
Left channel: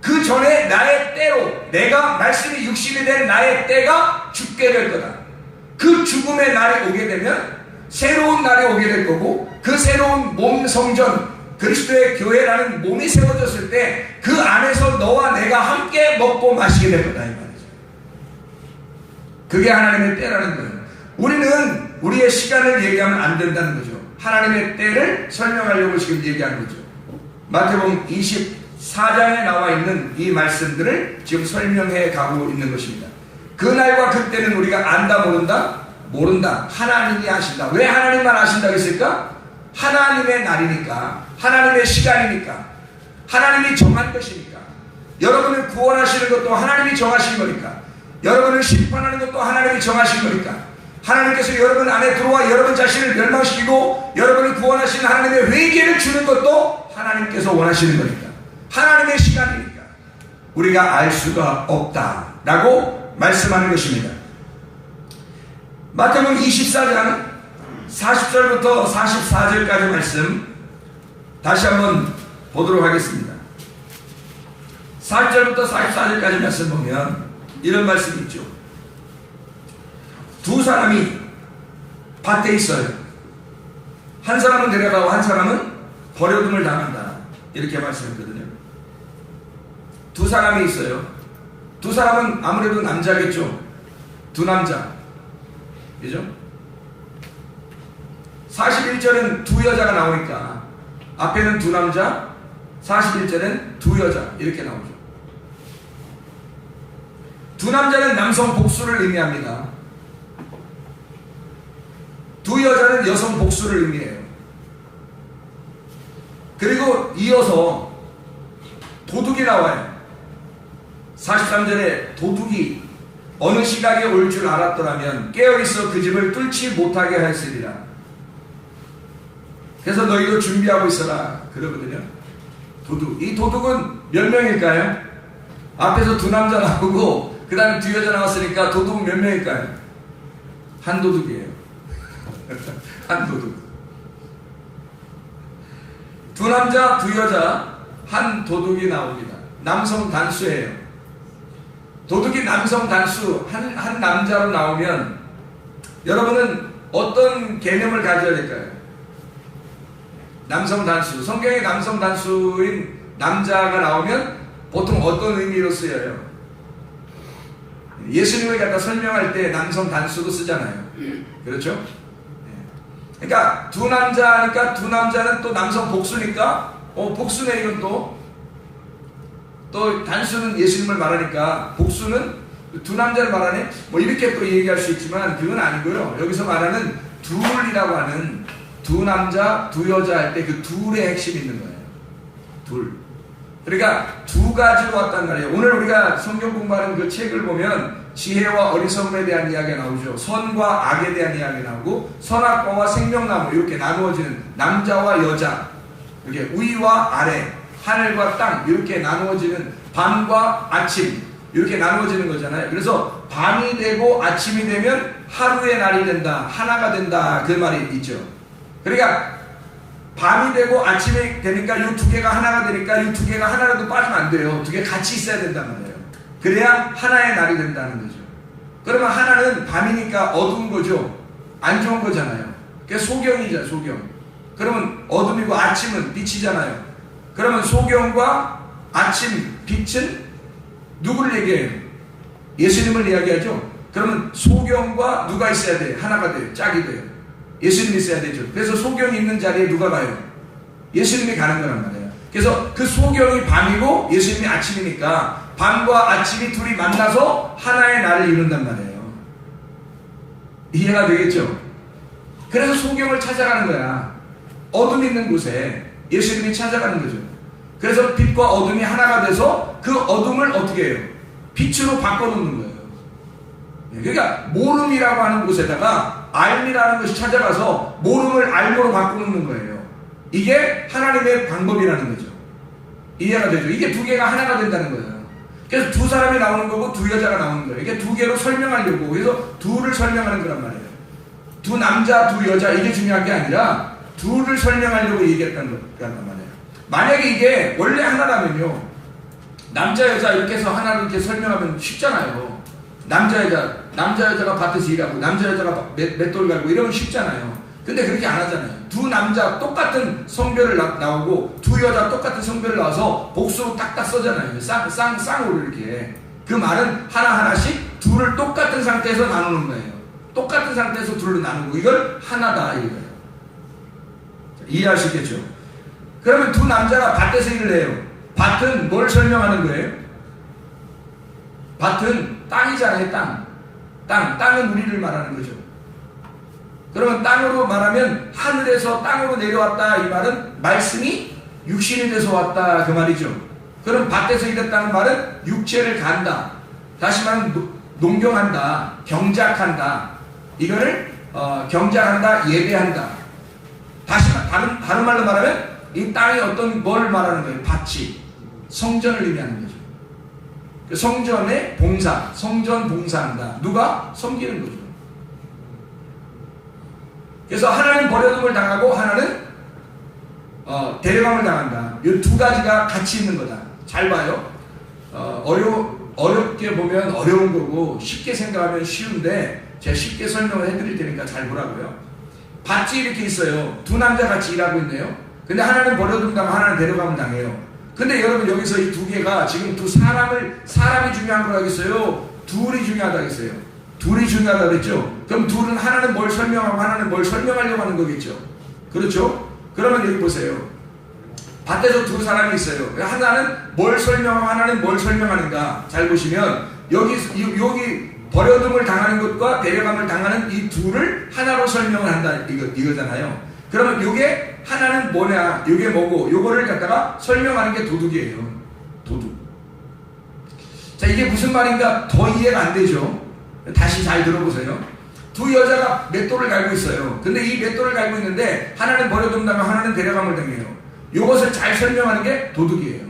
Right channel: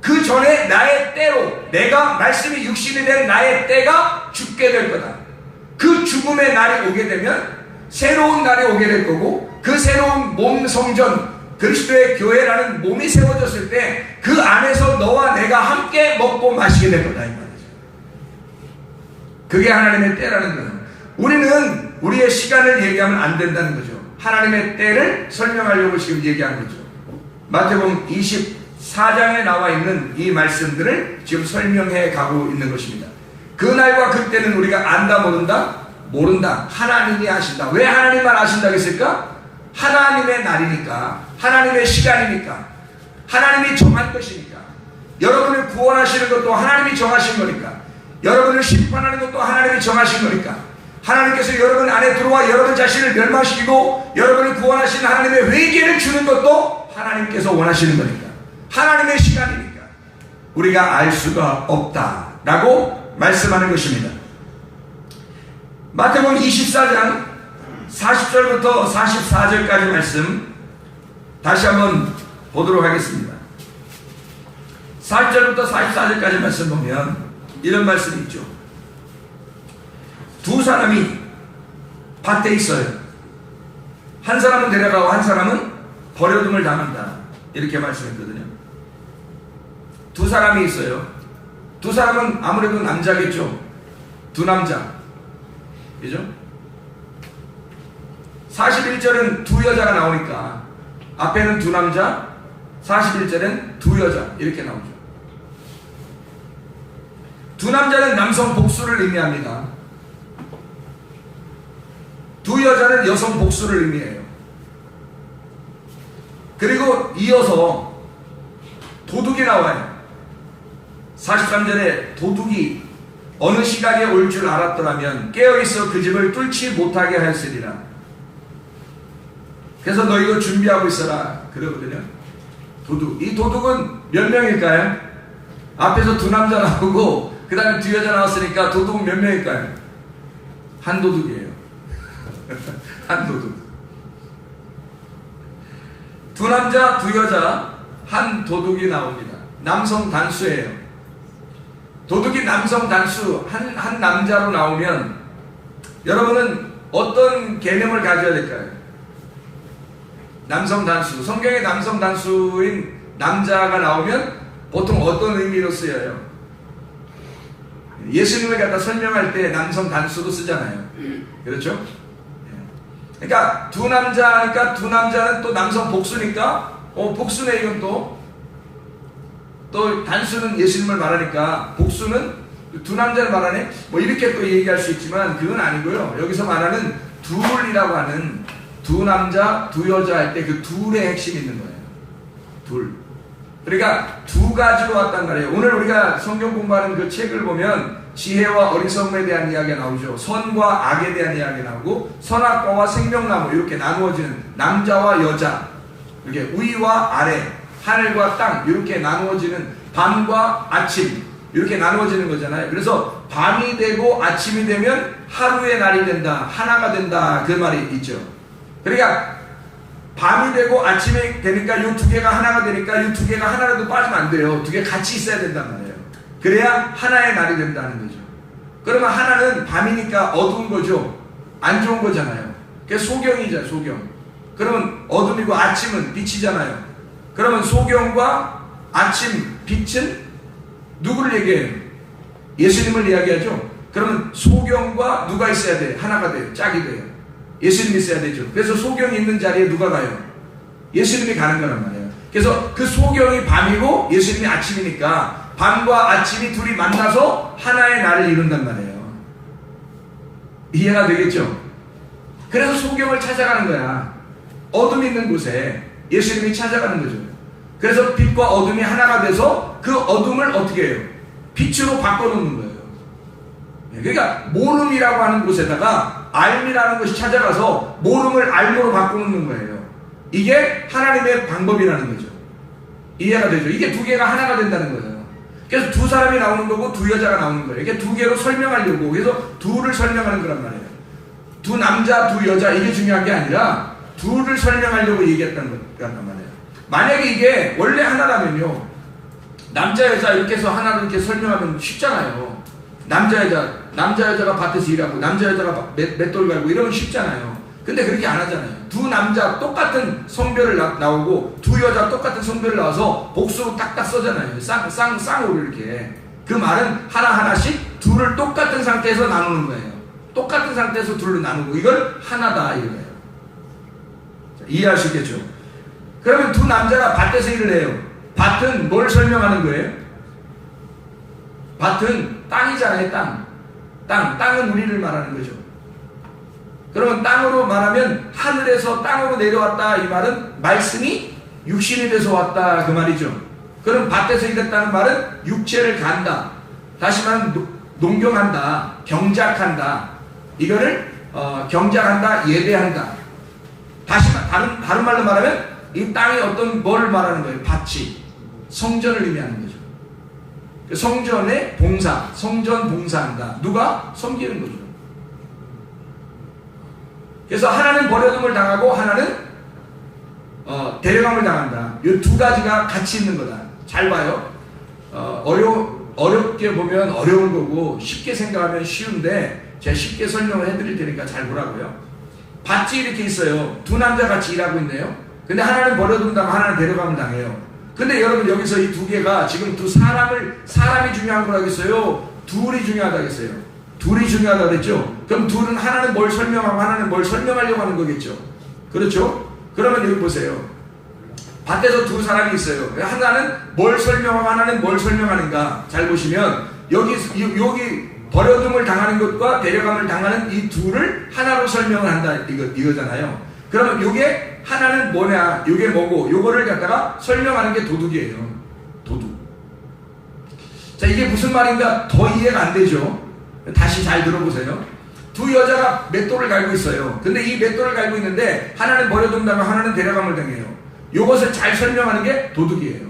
그 전에 나의 때로, 내가 말씀이 육신이 된 나의 때가 죽게 될 거다. 그 죽음의 날이 오게 되면 새로운 날이 오게 될 거고, 그 새로운 몸 성전, 그리스도의 교회라는 몸이 세워졌을 때 그 안에서 너와 내가 함께 먹고 마시게 될 거다, 이 말이죠. 그게 하나님의 때라는 거예요. 우리는 우리의 시간을 얘기하면 안 된다는 거죠. 하나님의 때를 설명하려고 지금 얘기하는 거죠. 마태복음 24장에 나와 있는 이 말씀들을 지금 설명해 가고 있는 것입니다. 그 날과 그 때는 우리가 안다, 모른다? 모른다. 하나님이 아신다. 왜 하나님만 아신다고 했을까? 하나님의 날이니까, 하나님의 시간이니까, 하나님이 정한 것이니까, 여러분을 구원하시는 것도 하나님이 정하신 거니까, 여러분을 심판하는 것도 하나님이 정하신 거니까, 하나님께서 여러분 안에 들어와 여러분 자신을 멸망시키고 여러분을 구원하시는 하나님의 회개를 주는 것도 하나님께서 원하시는 거니까, 하나님의 시간이니까 우리가 알 수가 없다라고 말씀하는 것입니다. 마태복음 24장 40절부터 44절까지 말씀 다시 한번 보도록 하겠습니다. 40절부터 44절까지 말씀 보면 이런 말씀이 있죠. 두 사람이 밭에 있어요. 한 사람은 데려가고 한 사람은 버려둠을 당한다, 이렇게 말씀했거든요. 두 사람이 있어요. 두 사람은 아무래도 남자겠죠. 두 남자, 그죠? 41절은 두 여자가 나오니까 앞에는 두 남자, 41절엔 두 여자, 이렇게 나오죠. 두 남자는 남성 복수를 의미합니다. 두 여자는 여성 복수를 의미해요. 그리고 이어서 도둑이 나와요. 43절에 도둑이 어느 시간에 올 줄 알았더라면 깨어있어 그 집을 뚫지 못하게 하였으리라. 그래서 너희도 준비하고 있어라 그러거든요. 도둑. 이 도둑은 몇 명일까요? 앞에서 두 남자 나오고 그 다음에 두 여자 나왔으니까 도둑은 몇 명일까요? 한 도둑이에요. 한 도둑. 두 남자, 두 여자, 한 도둑이 나옵니다. 남성 단수예요. 도둑이 남성 단수, 한 남자로 나오면 여러분은 어떤 개념을 가져야 될까요? 남성 단수, 성경에 남성 단수인 남자가 나오면 보통 어떤 의미로 쓰여요? 예수님을 갖다 설명할 때 남성 단수로 쓰잖아요. 그렇죠? 그러니까 두 남자니까 두 남자는 또 남성 복수니까 복수네. 이건 또 단수는 예수님을 말하니까 복수는 두 남자를 말하네. 뭐 이렇게 또 얘기할 수 있지만 그건 아니고요. 여기서 말하는 둘이라고 하는 두 남자 두 여자 할 때 그 둘의 핵심이 있는 거예요. 둘. 그러니까 두 가지로 왔단 말이에요. 오늘 우리가 성경 공부하는 그 책을 보면 지혜와 어리석음에 대한 이야기가 나오죠. 선과 악에 대한 이야기가 나오고 선악과와 생명나무 이렇게 나누어지는 남자와 여자, 이렇게 위와 아래, 하늘과 땅 이렇게 나누어지는 밤과 아침 이렇게 나누어지는 거잖아요. 그래서 밤이 되고 아침이 되면 하루의 날이 된다, 하나가 된다, 그 말이 있죠. 그러니까 밤이 되고 아침이 되니까 이 두 개가 하나가 되니까 이 두 개가 하나라도 빠지면 안 돼요. 두 개 같이 있어야 된다는 거예요. 그래야 하나의 날이 된다는 거죠. 그러면 하나는 밤이니까 어두운 거죠. 안 좋은 거잖아요. 그게 소경이죠, 소경. 그러면 어둠이고 아침은 빛이잖아요. 그러면 소경과 아침, 빛은 누구를 얘기해요? 예수님을 이야기하죠. 그러면 소경과 누가 있어야 돼요? 하나가 돼요. 짝이 돼요. 예수님이 있어야 되죠. 그래서 소경이 있는 자리에 누가 가요? 예수님이 가는 거란 말이에요. 그래서 그 소경이 밤이고 예수님이 아침이니까 밤과 아침이 둘이 만나서 하나의 날을 이룬단 말이에요. 이해가 되겠죠? 그래서 소경을 찾아가는 거야. 어둠 있는 곳에 예수님이 찾아가는 거죠. 그래서 빛과 어둠이 하나가 돼서 그 어둠을 어떻게 해요? 빛으로 바꿔놓는 거예요. 그러니까 모름이라고 하는 곳에다가 알미라는 것이 찾아가서 모름을 알모로 바꿔놓는 거예요. 이게 하나님의 방법이라는 거죠. 이해가 되죠? 이게 두 개가 하나가 된다는 거예요. 그래서 두 사람이 나오는 거고 두 여자가 나오는 거예요. 이게 두 개로 설명하려고, 그래서 둘을 설명하는 거란 말이에요. 두 남자, 두 여자, 이게 중요한 게 아니라 둘을 설명하려고 얘기했다는 거란 말이에요. 만약에 이게 원래 하나라면요, 남자, 여자 이렇게 해서 하나를 이렇게 설명하면 쉽잖아요. 남자, 여자가 밭에서 일하고, 남자, 여자가 맷돌 갈고 이러면 쉽잖아요. 근데 그렇게 안 하잖아요. 두 남자 똑같은 성별을 나오고, 두 여자 똑같은 성별을 나와서 복수로 딱딱 써잖아요. 쌍으로 이렇게. 그 말은 하나하나씩 둘을 똑같은 상태에서 나누는 거예요. 똑같은 상태에서 둘을 나누고, 이걸 하나다, 이거예요. 이해하시겠죠? 그러면 두 남자가 밭에서 일을 해요. 밭은 뭘 설명하는 거예요? 밭은 땅이잖아요, 땅. 땅은 우리를 말하는 거죠. 그러면 땅으로 말하면 하늘에서 땅으로 내려왔다, 이 말은 말씀이 육신이 돼서 왔다, 그 말이죠. 그럼 밭에서 일했다는 말은 육체를 간다. 다시 말하면 농경한다, 경작한다. 이거를 경작한다, 예배한다. 다른 말로 말하면 이 땅이 어떤 뭘 말하는 거예요? 밭이 성전을 의미하는 거죠. 성전의 봉사, 성전 봉사한다. 누가? 섬기는 거죠. 그래서 하나는 버려둠을 당하고 하나는 데려감을 당한다. 이 두 가지가 같이 있는 거다. 잘 봐요. 어렵게 보면 어려운 거고 쉽게 생각하면 쉬운데 제가 쉽게 설명을 해드릴 테니까 잘 보라고요. 밭이 이렇게 있어요. 두 남자 같이 일하고 있네요. 근데 하나는 버려둠 당하고 하나는 데려감을 당해요. 근데 여러분 여기서 이 두 개가 지금 사람이 중요한 거라겠어요? 둘이 중요하다겠어요? 둘이 중요하다 그랬죠? 그럼 둘은 하나는 뭘 설명하고 하나는 뭘 설명하려고 하는 거겠죠? 그렇죠? 그러면 여기 보세요. 밭에서 두 사람이 있어요. 하나는 뭘 설명하고 하나는 뭘 설명하는가? 잘 보시면 여기 버려둠을 당하는 것과 데려감을 당하는 이 둘을 하나로 설명을 한다, 이거잖아요. 그러면 이게 하나는 뭐냐, 이게 뭐고, 요거를 갖다가 설명하는 게 도둑이에요. 도둑. 자, 이게 무슨 말인가 더 이해가 안 되죠? 다시 잘 들어보세요. 두 여자가 맷돌을 갈고 있어요. 근데 이 맷돌을 갈고 있는데 하나는 버려둠 당하고 하나는 데려감을 당해요. 요것을 잘 설명하는 게 도둑이에요.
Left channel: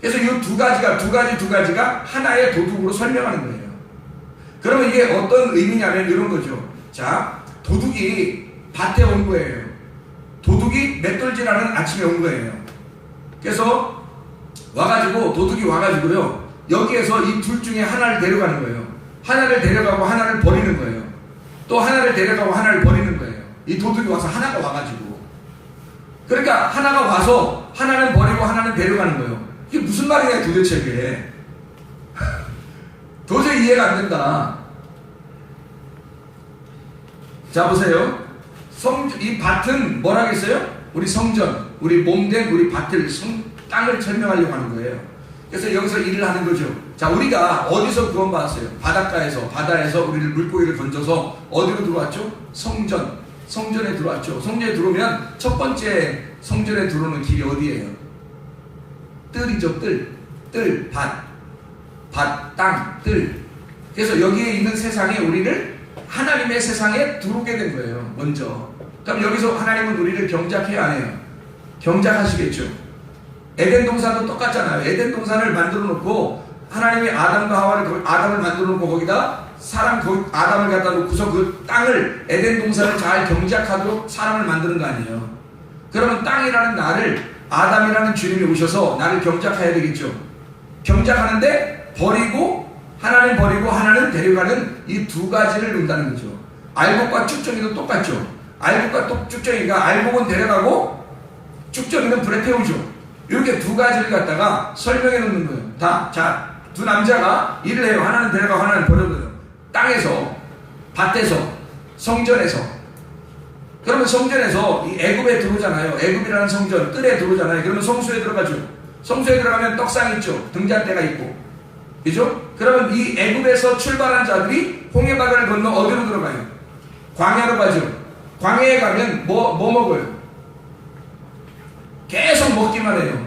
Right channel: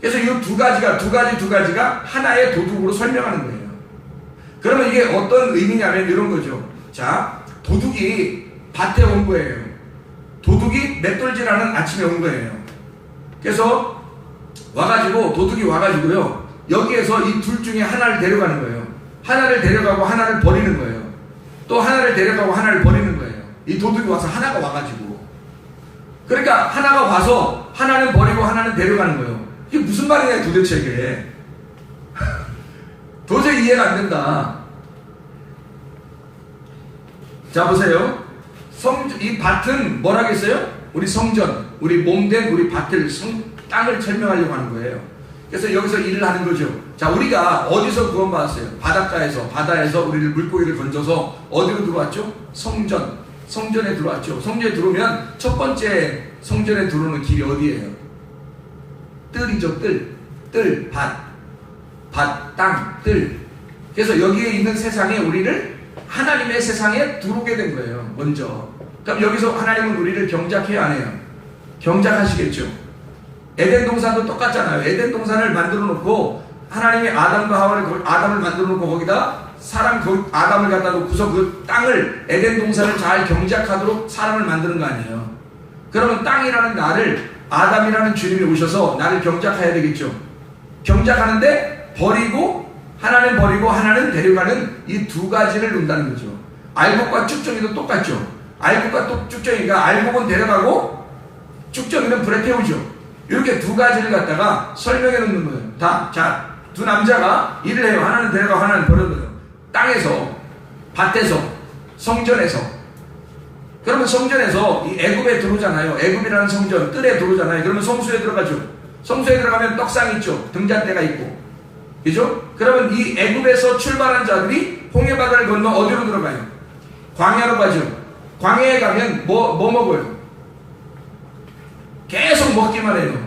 그래서 이 두 가지가 하나의 도둑으로 설명하는 거예요. 그러면 이게 어떤 의미냐면 이런 거죠. 자, 도둑이 밭에 온 거예요. 도둑이 맷돌질하는 아침에 온 거예요. 그래서 와가지고 도둑이 와가지고요, 여기에서 이 둘 중에 하나를 데려가는 거예요. 하나를 데려가고 하나를 버리는 거예요. 또 하나를 데려가고 하나를 버리는 거예요. 이 도둑이 와서 하나가 와가지고, 그러니까 하나가 와서 하나는 버리고 하나는 데려가는 거예요. 이게 무슨 말이냐 도대체 이게. 도저히 이해가 안 된다. 자 보세요. 이 밭은 뭐라겠어요? 우리 성전, 우리 몸된 우리 밭을, 땅을 설명하려고 하는 거예요. 그래서 여기서 일을 하는 거죠. 자, 우리가 어디서 구원받았어요? 바닷가에서, 바다에서 우리를 물고기를 건져서 어디로 들어왔죠? 성전에 들어왔죠. 성전에 들어오면 첫 번째 성전에 들어오는 길이 어디예요? 뜰이죠. 뜰, 밭, 땅, 뜰. 그래서 여기에 있는 세상에 우리를 하나님의 세상에 들어오게 된 거예요. 먼저. 그럼 여기서 하나님은 우리를 경작해야 안 해요? 경작하시겠죠. 에덴 동산도 똑같잖아요. 에덴 동산을 만들어 놓고 하나님이 아담을 만들어 놓고 거기다 아담을 갖다 놓고서 그 땅을, 에덴 동산을 잘 경작하도록 사람을 만드는 거 아니에요. 그러면 땅이라는 나를, 아담이라는 주님이 오셔서 나를 경작해야 되겠죠. 경작하는데 하나는 버리고 하나는 데려가는 이 두 가지를 논다는 거죠. 알곡과 쭉정이도 똑같죠. 알곡과 쭉정이가, 알곡은 데려가고 쭉정이는 불에 태우죠. 이렇게 두 가지를 갖다가 설명해 놓는 거예요. 자, 두 남자가 일을 해요. 하나는 데려가고 하나는 버려둬요. 땅에서, 밭에서, 성전에서. 그러면 성전에서 이 애굽에 들어오잖아요. 애굽이라는 성전, 뜰에 들어오잖아요. 그러면 성수에 들어가죠. 성수에 들어가면 떡상이 있죠. 등잔대가 있고. 그죠? 그러면 이 애굽에서 출발한 자들이 홍해바다를 건너 어디로 들어가요? 광야로 가죠. 광야에 가면 뭐 먹어요? 계속 먹기만 해요.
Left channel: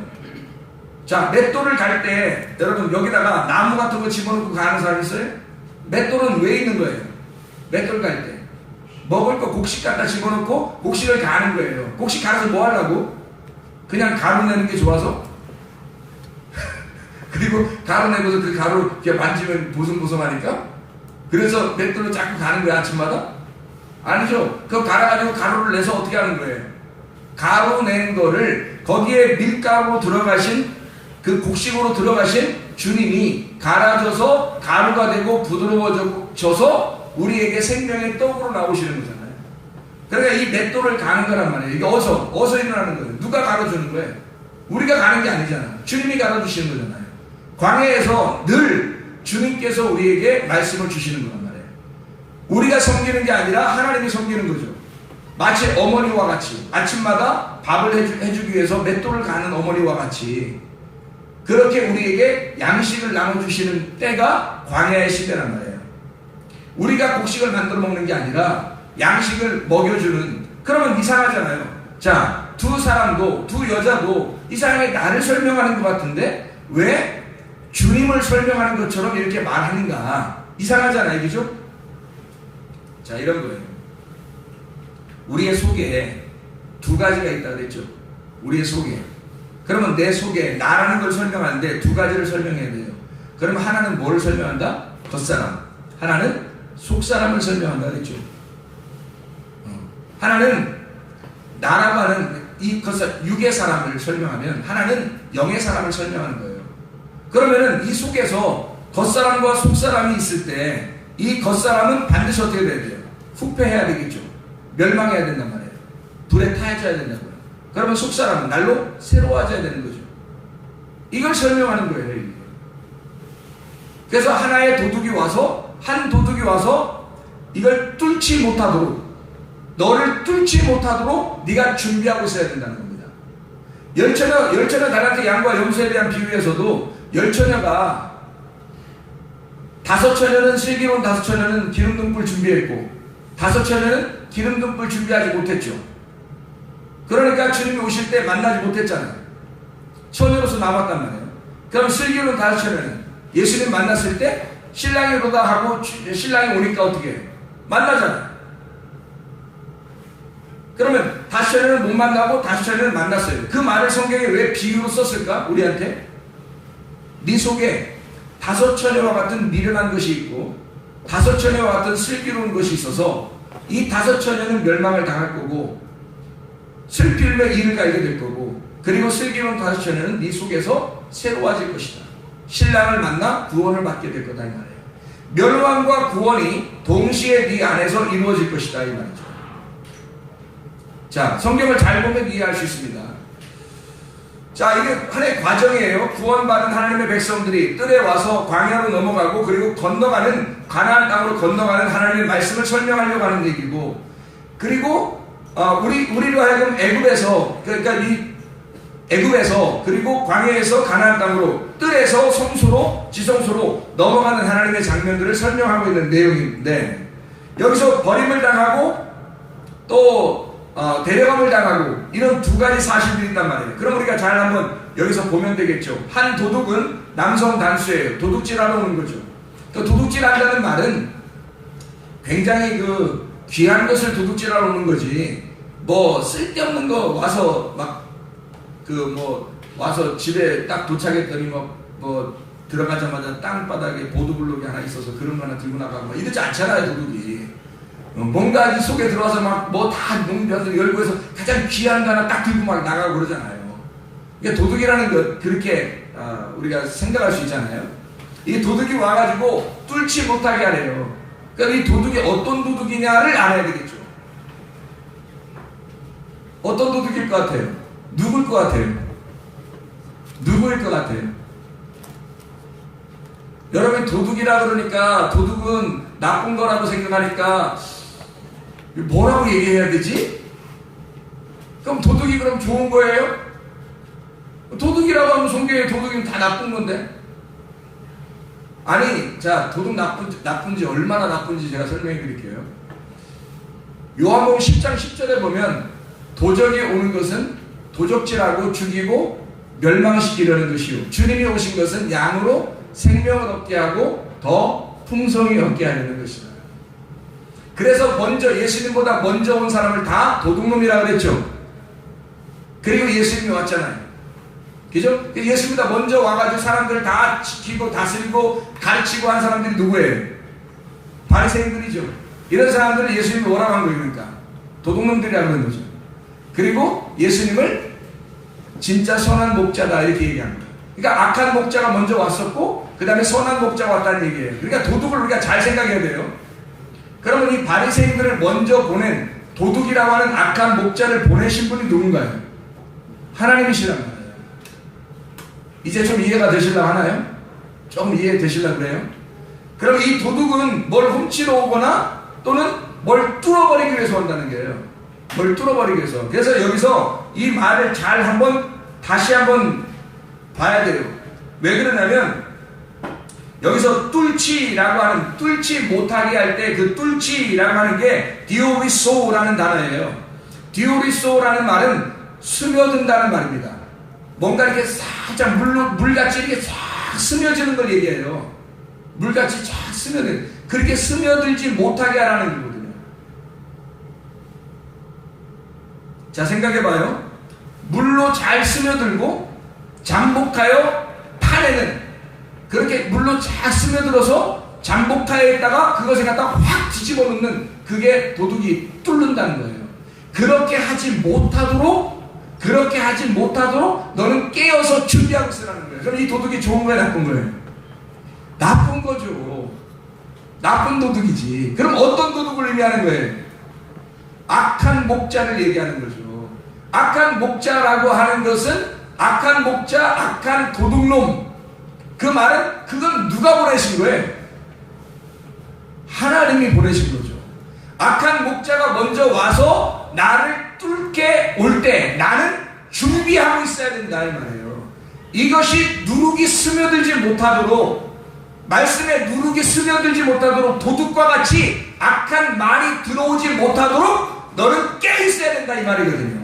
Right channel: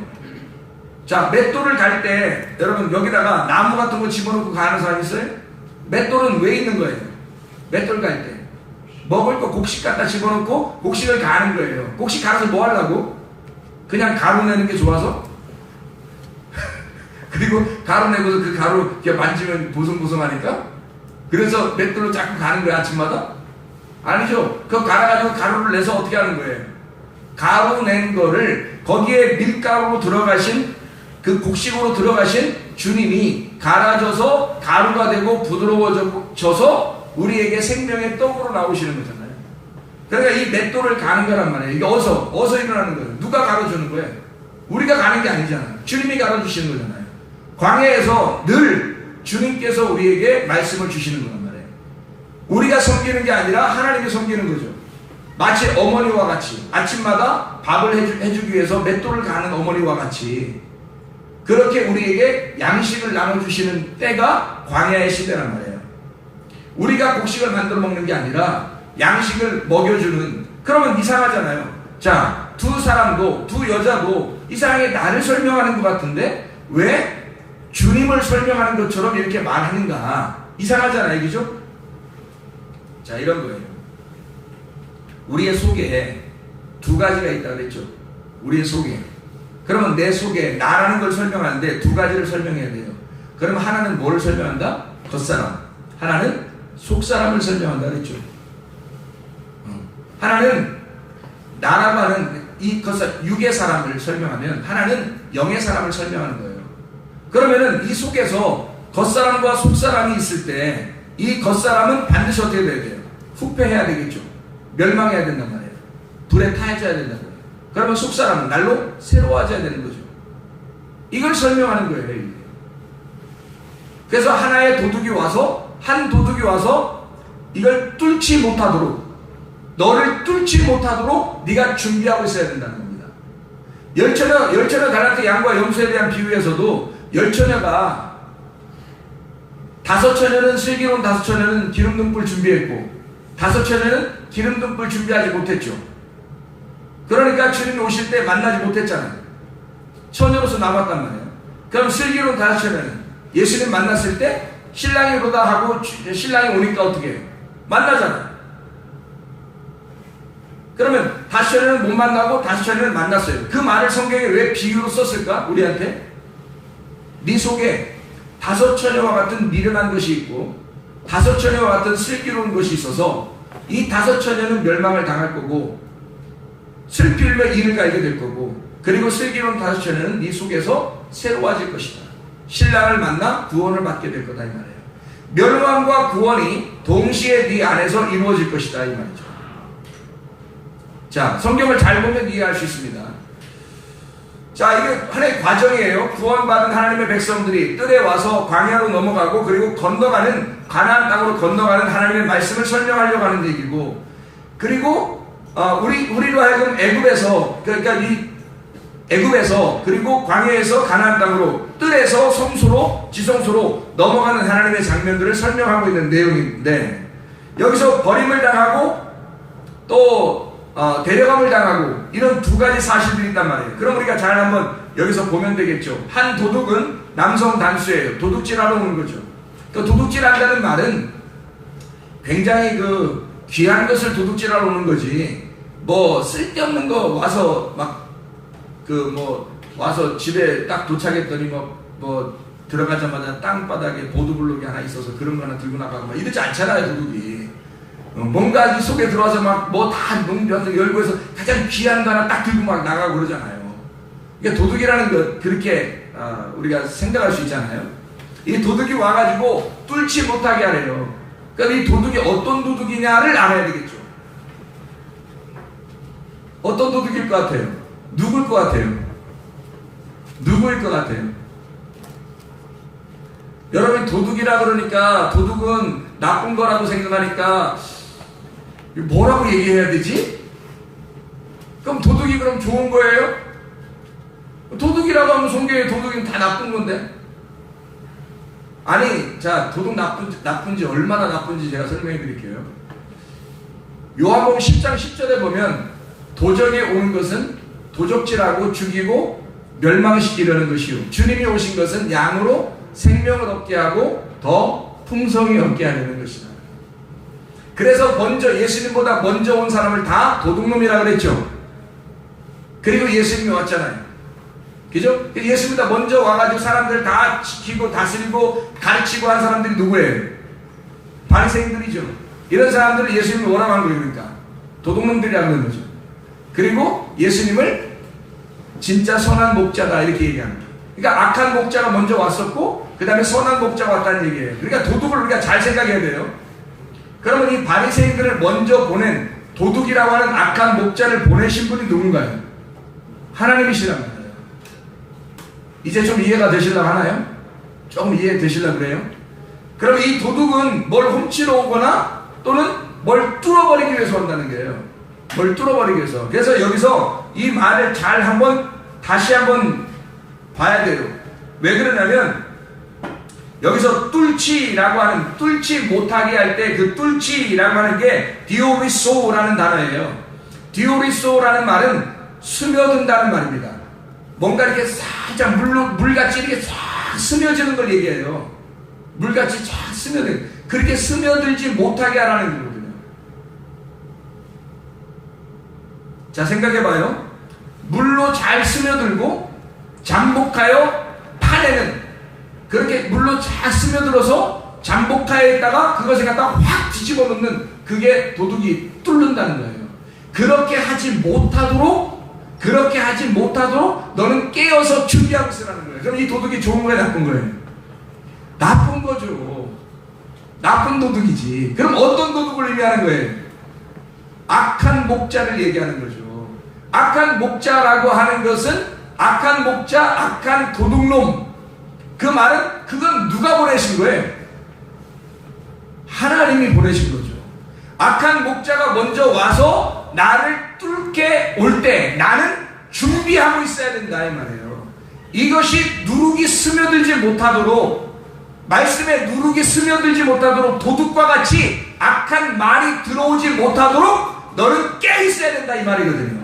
자, 맷돌을 갈 때 여러분 여기다가 나무 같은 거 집어넣고 가는 사람 있어요? 맷돌은 왜 있는 거예요? 맷돌 갈 때 먹을 거 곡식 갖다 집어넣고 곡식을 가는 거예요. 곡식 갈아서 뭐 하려고? 그냥 가루 내는 게 좋아서? 그리고 가루 내고서 그 가루 이렇게 만지면 보송보송하니까? 그래서 맷돌로 자꾸 가는 거예요, 아침마다? 아니죠. 그거 갈아가지고 가루를 내서 어떻게 하는 거예요? 가루 낸 거를 거기에 밀가루로 들어가신, 그 곡식으로 들어가신 주님이 갈아져서 가루가 되고 부드러워져서 우리에게 생명의 떡으로 나오시는 거잖아요. 그러니까 이 맷돌을 가는 거란 말이에요. 이게 어서 일어나는 거예요. 누가 갈아주는 거예요? 우리가 가는 게 아니잖아요. 주님이 갈아주시는 거잖아요. 광야에서 늘 주님께서 우리에게 말씀을 주시는 거란 말이에요. 우리가 섬기는 게 아니라 하나님이 섬기는 거죠. 마치 어머니와 같이 아침마다 밥을 해주기 위해서 맷돌을 가는 어머니와 같이 그렇게 우리에게 양식을 나눠주시는 때가 광야의 시대란 말이에요. 우리가 곡식을 만들어 먹는 게 아니라 양식을 먹여주는. 그러면 이상하잖아요. 자, 두 사람도, 두 여자도 이상하게 나를 설명하는 것 같은데 왜 주님을 설명하는 것처럼 이렇게 말하는가? 이상하잖아요. 그죠? 자, 이런 거예요. 우리의 속에 두 가지가 있다고 그랬죠. 우리의 속에. 그러면 내 속에 나라는 걸 설명하는데 두 가지를 설명해야 돼요. 그러면 하나는 뭘 설명한다? 겉사람. 하나는 속사람을 설명한다 그랬죠. 하나는 나라고 하는 이 육의 사람을 설명하면 하나는 영의 사람을 설명하는 거예요. 그러면은 이 속에서 겉사람과 속사람이 있을 때 이 겉사람은 반드시 어떻게 돼야 돼요? 후패해야 되겠죠. 멸망해야 된단 말이에요. 불에 타해져야 된다는 거예요. 그러면 속사람은 날로 새로워져야 되는 거죠. 이걸 설명하는 거예요. 이게. 그래서 하나의 도둑이 와서, 한 도둑이 와서 이걸 뚫지 못하도록, 너를 뚫지 못하도록 네가 준비하고 있어야 된다는 겁니다. 열처녀 가라트 양과 염소에 대한 비유에서도 열처녀가 5처녀는 슬기로운 5처녀는 기름 등불 준비했고 5처녀는 기름 등불 준비하지 못했죠. 그러니까 주님이 오실 때 만나지 못했잖아요. 처녀로서 남았단 말이에요. 그럼 슬기로운 5처녀는 예수님 만났을 때 신랑이 보다 하고 신랑이 오니까 어떻게 해요? 만나잖아요. 그러면 5처녀는 못 만나고 5처녀는 만났어요. 그 말을 성경에 왜 비유로 썼을까? 우리한테? 네 속에 5처녀와 같은 미련한 것이 있고 5처녀와 같은 슬기로운 것이 있어서 이 5처녀는 멸망을 당할 거고 슬필로 이를 갈게 될 거고, 그리고 슬기로운 다섯 처녀는 네 속에서 새로워질 것이다. 신랑을 만나 구원을 받게 될 거다 이 말이에요. 멸망과 구원이 동시에 네 안에서 이루어질 것이다 이 말이죠. 자, 성경을 잘 보면 이해할 수 있습니다. 자, 이게 하나의 과정이에요. 구원받은 하나님의 백성들이 뜰에 와서 광야로 넘어가고, 그리고 건너가는 가나안 땅으로 건너가는 하나님의 말씀을 설명하려고 하는 얘기고, 그리고 우리로 하여금 애굽에서, 그러니까 이 애굽에서, 그리고 광야에서 가나안 땅으로, 뜰에서 성소로, 지성소로 넘어가는 하나님의 장면들을 설명하고 있는 내용인데, 여기서 버림을 당하고 또 데려감을 당하고, 이런 두 가지 사실들이 있단 말이에요. 그럼 우리가 잘 한번 여기서 보면 되겠죠. 한 도둑은 남성 단수예요. 도둑질하러 오는 거죠. 그 도둑질한다는 말은 굉장히 그 귀한 것을 도둑질하러 오는 거지, 뭐 쓸데없는 거 와서 막 와서 집에 딱 도착했더니 뭐 들어가자마자 땅바닥에 보드블록이 하나 있어서 그런 거 하나 들고 나가고 막 이러지 않잖아요, 도둑이. 뭔가 이 속에 들어와서 막 뭐 다 열고 해서 가장 귀한 거 하나 딱 들고 막 나가고 그러잖아요. 그러니까 도둑이라는 것, 그렇게 우리가 생각할 수 있잖아요. 이 도둑이 와가지고 뚫지 못하게 하래요. 그러니까 이 도둑이 어떤 도둑이냐를 알아야 되겠죠. 어떤 도둑일 것 같아요? 누구일 것 같아요? 누구일 것 같아요? 여러분, 도둑이라 그러니까 도둑은 나쁜 거라고 생각하니까 뭐라고 얘기해야 되지? 그럼 도둑이 그럼 좋은 거예요? 도둑이라고 하면 성경에 도둑이면 다 나쁜 건데? 아니, 자, 도둑 나쁜지 얼마나 나쁜지 제가 설명해 드릴게요. 요한복음 10장 10절에 보면 도전이 오는 것은 도적질하고 죽이고 멸망시키려는 것이요, 주님이 오신 것은 양으로 생명을 얻게 하고 더 풍성히 얻게 하려는 것이다. 그래서 먼저 예수님보다 먼저 온 사람을 다 도둑놈이라고 그랬죠. 그리고 예수님이 왔잖아요. 그죠? 예수님보다 먼저 와가지고 사람들 다 지키고 다스리고 가르치고 한 사람들이 누구예요? 바리새인들이죠. 이런 사람들을 예수님이 뭐라고 한 거예요? 그러니까 도둑놈들이라는 거죠. 그리고 예수님을 진짜 선한 목자다 이렇게 얘기하는 거예요. 그러니까 악한 목자가 먼저 왔었고 그 다음에 선한 목자가 왔다는 얘기예요. 그러니까 도둑을 우리가 잘 생각해야 돼요. 그러면 이 바리새인들을 먼저 보낸 도둑이라고 하는 악한 목자를 보내신 분이 누군가요? 하나님이시란 말이에요. 이제 좀 이해가 되시려고 하나요? 좀 이해되시려고 그래요? 그럼 이 도둑은 뭘 훔치러 오거나 또는 뭘 뚫어버리기 위해서 온다는 거예요. 뭘 뚫어버리기 위해서. 그래서 여기서 이 말을 잘 다시 한번 봐야 돼요. 왜 그러냐면 여기서 뚫지라고 하는, 뚫지 못하게 할 때 그 뚫지라고 하는 게 디오리소라는 단어예요. 디오리소라는 말은 스며든다는 말입니다. 뭔가 이렇게 살짝 물같이 이렇게 싹 스며드는 걸 얘기해요. 물같이 싹 스며들, 그렇게 스며들지 못하게 하라는 거거든요. 자, 생각해봐요. 물로 잘 스며들고 잠복하여 파내는, 그렇게 물로 잘 스며들어서 잠복하에 있다가 그것을 갖다가 확 뒤집어 놓는, 그게 도둑이 뚫는다는 거예요. 그렇게 하지 못하도록 너는 깨어서 준비하고 있으라는 거예요. 그럼 이 도둑이 좋은 거예요, 나쁜 거예요? 나쁜 거죠. 나쁜 도둑이지. 그럼 어떤 도둑을 의미하는 거예요? 악한 목자를 얘기하는 거죠. 악한 목자라고 하는 것은 악한 목자, 악한 도둑놈. 그 말은 그건 누가 보내신 거예요? 하나님이 보내신 거죠. 악한 목자가 먼저 와서 나를 뚫게 올 때 나는 준비하고 있어야 된다 이 말이에요. 이것이 누룩이 스며들지 못하도록, 말씀에 누룩이 스며들지 못하도록, 도둑과 같이 악한 말이 들어오지 못하도록 너는 깨 있어야 된다 이 말이거든요.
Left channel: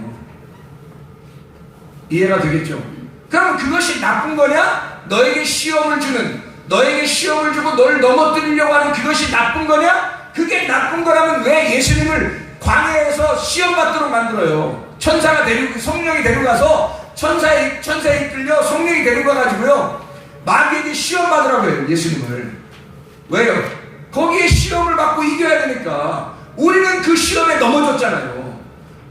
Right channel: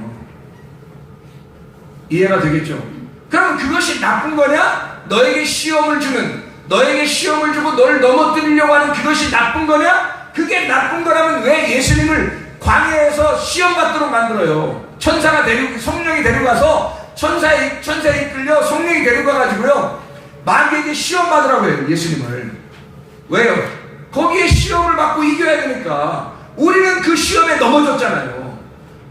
이해가 되겠죠? 그럼 그것이 나쁜 거냐? 너에게 시험을 주고 너를 넘어뜨리려고 하는 그것이 나쁜 거냐? 그게 나쁜 거라면 왜 예수님을 광야에서 시험 받도록 만들어요? 성령이 데리고 가서 천사에 이끌려 성령이 데리고 가가지고요, 마귀에게 시험 받으라고 해요, 예수님을. 왜요? 거기에 시험을 받고 이겨야 되니까. 우리는 그 시험에 넘어졌잖아요.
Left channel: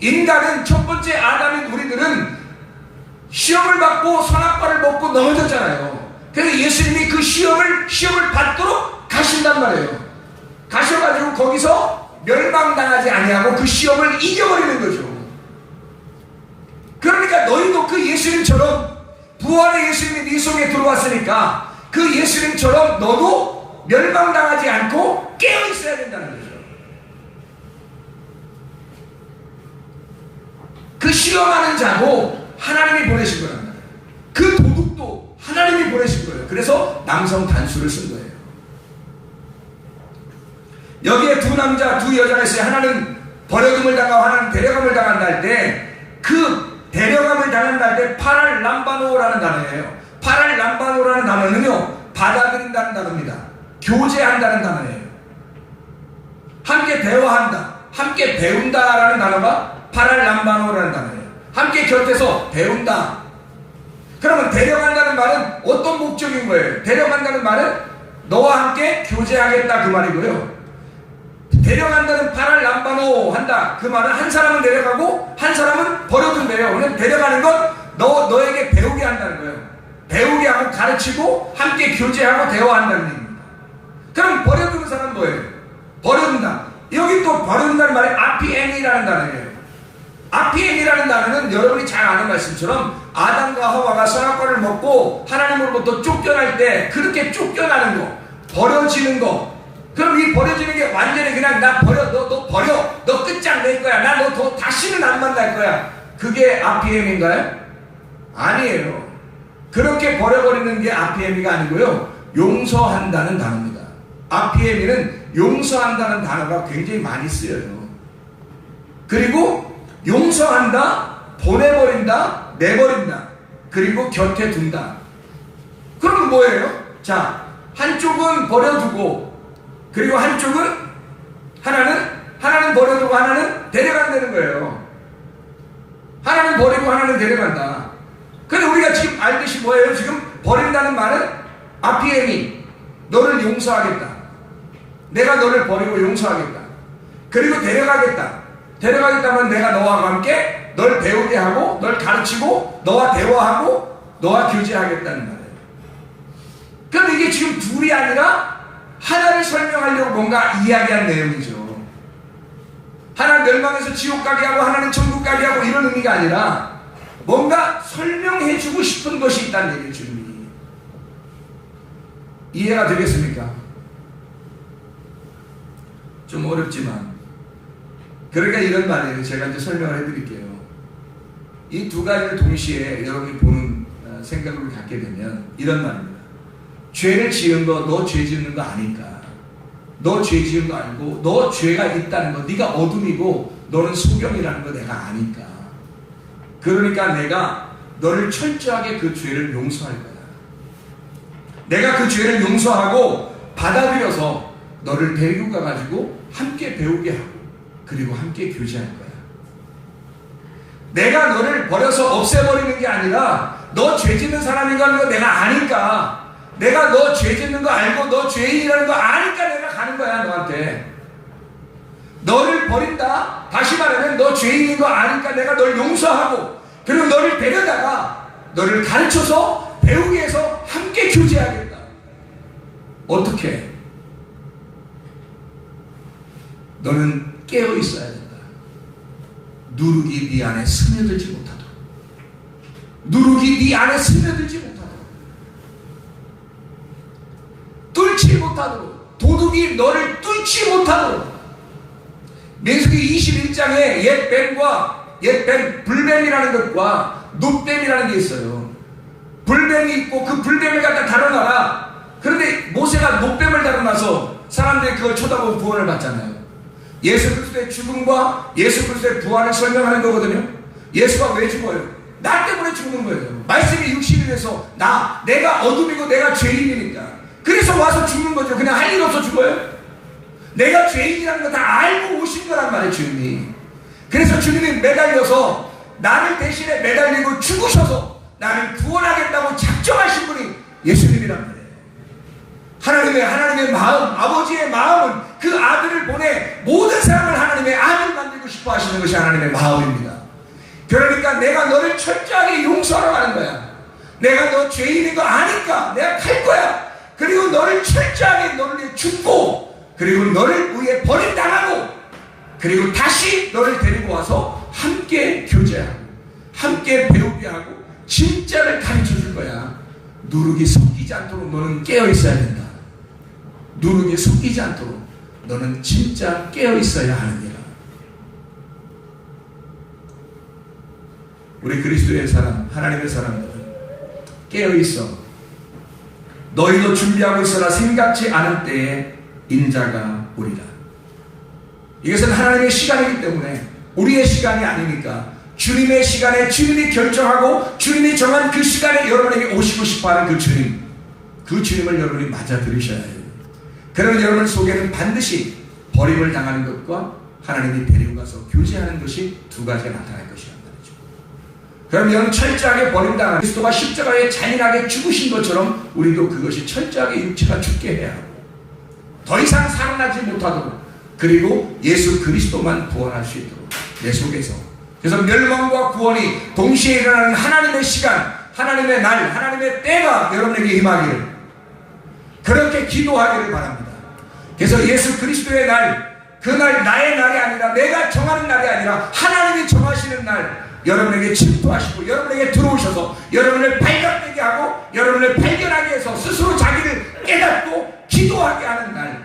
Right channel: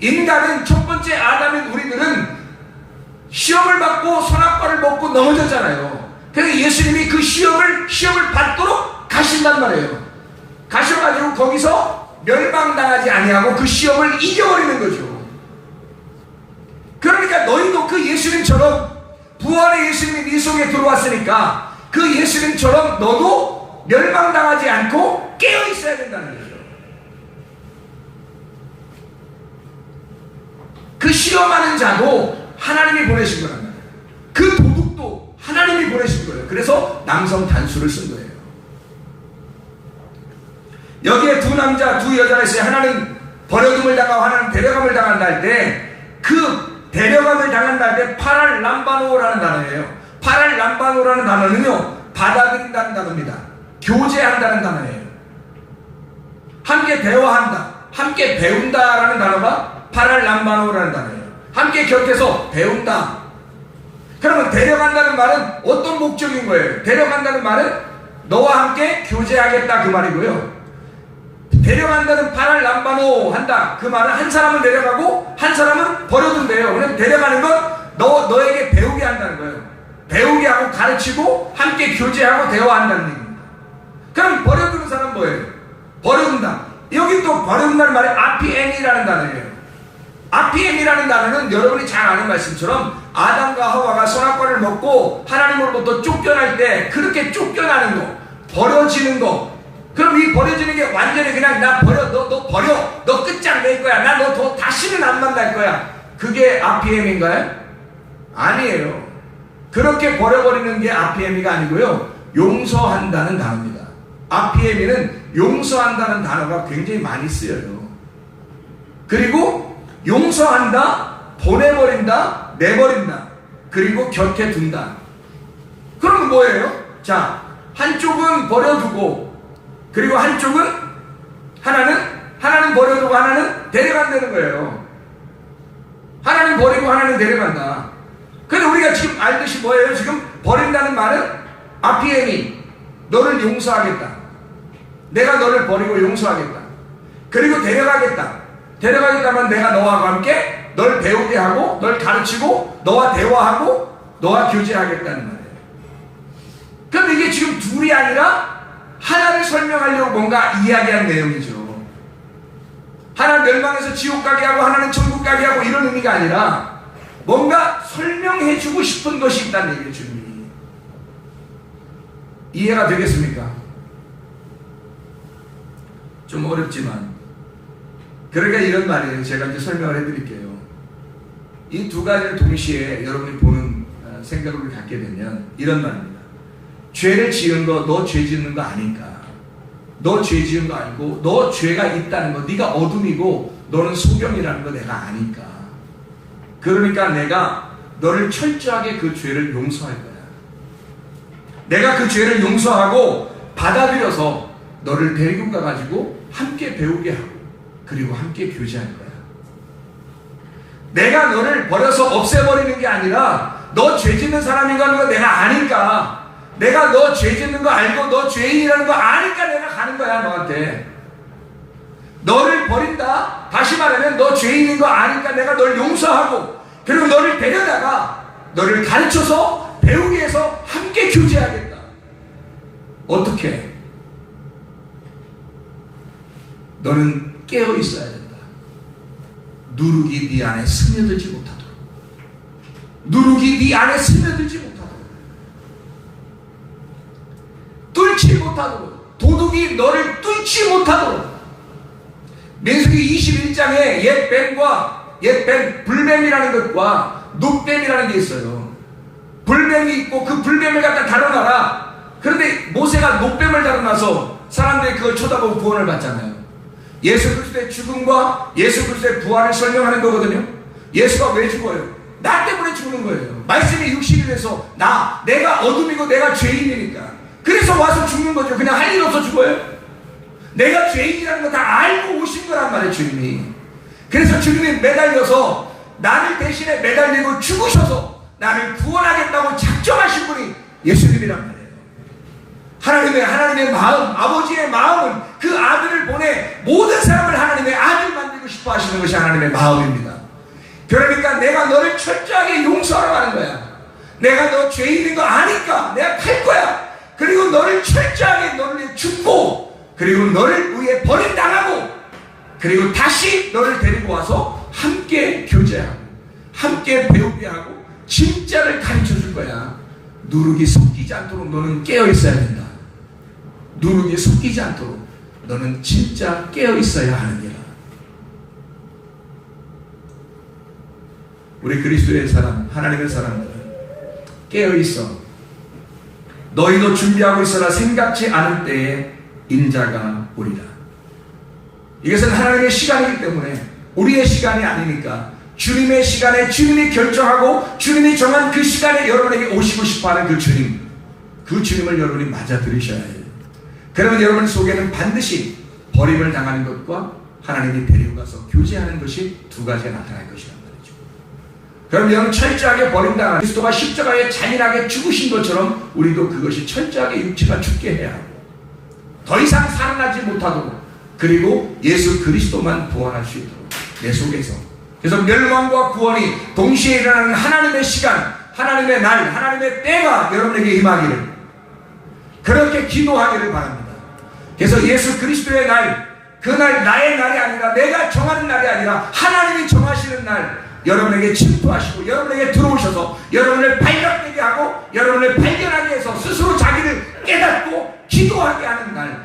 인간은 첫 번째 아담인 우리들은 시험을 받고 선악과를 먹고 넘어졌잖아요. 그래서 예수님이 그 시험을 받도록 가신단 말이에요. 가셔가지고 거기서 멸망당하지 아니하고 그 시험을 이겨버리는 거죠. 그러니까 너희도 그 예수님처럼 부활의 예수님이 네 속에 들어왔으니까 그 예수님처럼 너도 멸망당하지 않고 깨어 있어야 된다는 거죠. 그 시험하는 자도 하나님이 보내신 거란 말이에요. 그 도둑도 하나님이 보내신 거예요. 그래서 남성 단수를 쓴 거예요. 여기에 두 남자 두 여자가 있어요. 하나는 버려둠을 당하고 하나는 데려감을 당한다 할 때 그 데려감을 당한다 할 때 파랄람바노라는 단어예요. 파랄람바노라는 단어는요, 받아들인다는 단어입니다. 교제한다는 단어예요. 함께 대화한다, 함께 배운다라는 단어가 파랄람바노라는 단어예요. 함께 곁에서 배운다. 그러면 데려간다는 말은 어떤 목적인 거예요? 데려간다는 말은 너와 함께 교제하겠다 그 말이고요. 데려간다는 파랄람바노 한다 그 말은 한 사람은 데려가고 한 사람은 버려둔대요. 그럼 데려가는 건 너에게 배우게 한다는 거예요. 배우게 하고 가르치고 함께 교제하고 대화한다는 얘기입니다. 그럼 버려두는 사람은 뭐예요? 버려둔다. 여기 또 버려둔다는 말이 아피엠이라는 단어예요. 아피엠이라는 단어는 여러분이 잘 아는 말씀처럼 아담과 하와가 선악과를 먹고 하나님으로부터 쫓겨날 때 그렇게 쫓겨나는 거, 버려지는 거. 그럼 이 버려지는 게 완전히 그냥 나 버려, 너 버려, 너 끝장낼 거야, 나 너 더 다시는 안 만날 거야. 그게 RPM인가요? 아니에요. 그렇게 버려버리는 게 RPM이가 아니고요, 용서한다는 단어입니다. RPM에는 용서한다는 단어가 굉장히 많이 쓰여요. 그리고 용서한다, 보내버린다, 내버린다, 그리고 곁에 둔다. 그럼 뭐예요? 자, 한쪽은 버려두고 그리고 한쪽은 하나는 버려두고 하나는 데려간다는 거예요. 하나는 버리고 하나는 데려간다. 그런데 우리가 지금 알듯이 뭐예요? 지금 버린다는 말은 아피에니, 너를 용서하겠다. 내가 너를 버리고 용서하겠다. 그리고 데려가겠다. 데려가겠다면 내가 너와 함께 널 배우게 하고 널 가르치고 너와 대화하고 너와 교제하겠다는 말이에요. 그럼 이게 지금 둘이 아니라 하나를 설명하려고 뭔가 이야기한 내용이죠. 하나는 멸망해서 지옥 가게 하고 하나는 천국 가게 하고 이런 의미가 아니라 뭔가 설명해주고 싶은 것이 있다는 얘기죠. 주님이. 이해가 되겠습니까? 좀 어렵지만 그러니까 이런 말이에요. 제가 이제 설명을 해드릴게요. 이 두 가지를 동시에 여러분이 보는 생각을 갖게 되면 이런 말입니다. 죄를 지은 거, 너 죄 짓는 거 아니까. 너 죄 지은 거 알고, 너 죄가 있다는 거, 네가 어둠이고 너는 소경이라는 거 내가 아니까. 그러니까 내가 너를 철저하게 그 죄를 용서할 거야. 내가 그 죄를 용서하고 받아들여서 너를 데리고 가가지고 함께 배우게 하고 그리고 함께 교제할 거야. 내가 너를 버려서 없애버리는 게 아니라 너 죄 짓는 사람인가 거 내가 아니까. 내가 너 죄 짓는 거 알고 너 죄인이라는 거 아니까 내가 가는 거야 너한테. 너를 버린다. 다시 말하면 너 죄인인 거 아니까 내가 널 용서하고 그리고 너를 데려다가 너를 가르쳐서 배우게 해서 함께 교제하겠다. 어떻게? 너는 깨어 있어야 된다. 누룩이 네 안에 스며들지 못하도록. 누룩이 네 안에 스며들지 못하도록. 뚫지 못하도록. 도둑이 너를 뚫지 못하도록. 민수기 21장에 옛뱀, 불뱀이라는 것과 눕뱀이라는 게 있어요. 불뱀이 있고 그 불뱀을 갖다 다뤄놔라. 그런데 모세가 눕뱀을 다뤄놔서 사람들이 그걸 쳐다보고 구원을 받잖아요. 예수 그리스도의 죽음과 예수 그리스도의 부활을 설명하는 거거든요. 예수가 왜 죽어요? 나 때문에 죽는 거예요. 말씀이 육신이 돼서 내가 어둠이고 내가 죄인이니까. 그래서 와서 죽는 거죠. 그냥 할 일 없어 죽어요? 내가 죄인이라는 거 다 알고 오신 거란 말이에요, 주님이. 그래서 주님이 매달려서 나를 대신에 매달리고 죽으셔서 나를 구원하겠다고 작정하신 분이 예수님이란 말이에요. 하나님의 마음, 아버지의 마음은 그 아들을 보내 모든 사람을 하나님의 아들 만들고 싶다. 기뻐하시는 것이 하나님의 마음입니다. 그러니까 내가 너를 철저하게 용서하러 가는 거야. 내가 너 죄 있는 거 아니까 내가 갈 거야. 그리고 너를 철저하게 너를 죽고, 그리고 너를 위해 버림당하고, 그리고 다시 너를 데리고 와서 함께 교제하고 함께 배우게 하고 진짜를 가르쳐 줄 거야. 누룩이 섞이지 않도록 너는 깨어 있어야 된다. 누룩이 섞이지 않도록 너는 진짜 깨어 있어야 하느니라. 우리 그리스도의 사람, 하나님의 사람들은 깨어 있어. 너희도 준비하고 있어라. 생각지 않은 때에 인자가 오리라. 이것은 하나님의 시간이기 때문에 우리의 시간이 아니니까 주님의 시간에 주님이 결정하고 주님이 정한 그 시간에 여러분에게 오시고 싶어하는 그 주님을 여러분이 맞아 들으셔야 해요. 그러면 여러분 속에는 반드시 버림을 당하는 것과 하나님이 데리고 가서 교제하는 것이 두 가지가 나타날 것이란 말이죠. 그럼 여러분 철저하게 버림당한 그리스도가 십자가에 잔인하게 죽으신 것처럼 우리도 그것이 철저하게 육체가 죽게 해야 하고 더 이상 살아나지 못하도록, 그리고 예수 그리스도만 구원할 수 있도록 내 속에서. 그래서 멸망과 구원이 동시에 일어나는 하나님의 시간, 하나님의 날, 하나님의 때가 여러분에게 임하기를, 그렇게 기도하기를 바랍니다. 그래서 예수 그리스도의 날, 그날 나의 날이 아니라 내가 정하는 날이 아니라 하나님이 정하시는 날 여러분에게 침투하시고 여러분에게 들어오셔서 여러분을 발견되게 하고 여러분을 발견하게 해서 스스로 자기를 깨닫고 기도하게 하는 날,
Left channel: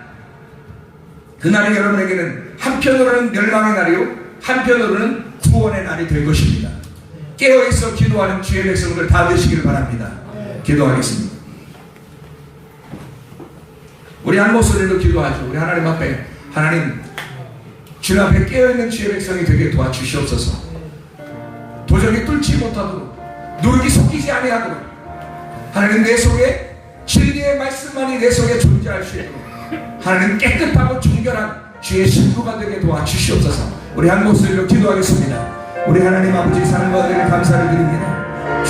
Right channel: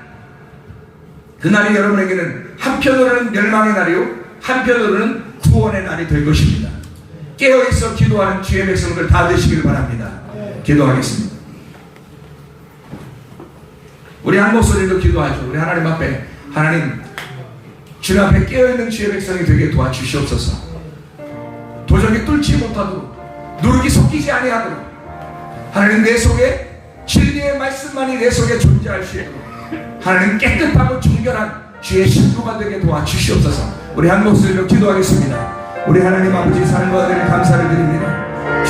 그날이 여러분에게는 한편으로는 멸망의 날이요 한편으로는 구원의 날이 될 것입니다. 깨어있어 기도하는 주의 백성들 다 되시길 바랍니다. 기도하겠습니다. 우리 한 목소리로 기도하죠. 우리 하나님 앞에, 하나님 주님 앞에 깨어있는 주의 백성이 되게 도와주시옵소서. 도저히 뚫지 못하도록, 누룩이 섞이지 아니하도록 하나님 내 속에 진리의 말씀만이 내 속에 존재할 수 있도록 하나님 깨끗하고 정결한 주의 신부가 되게 도와주시옵소서. 우리 한 목소리로 기도하겠습니다. 우리 하나님 아버지 사랑과 은혜를 감사를 드립니다.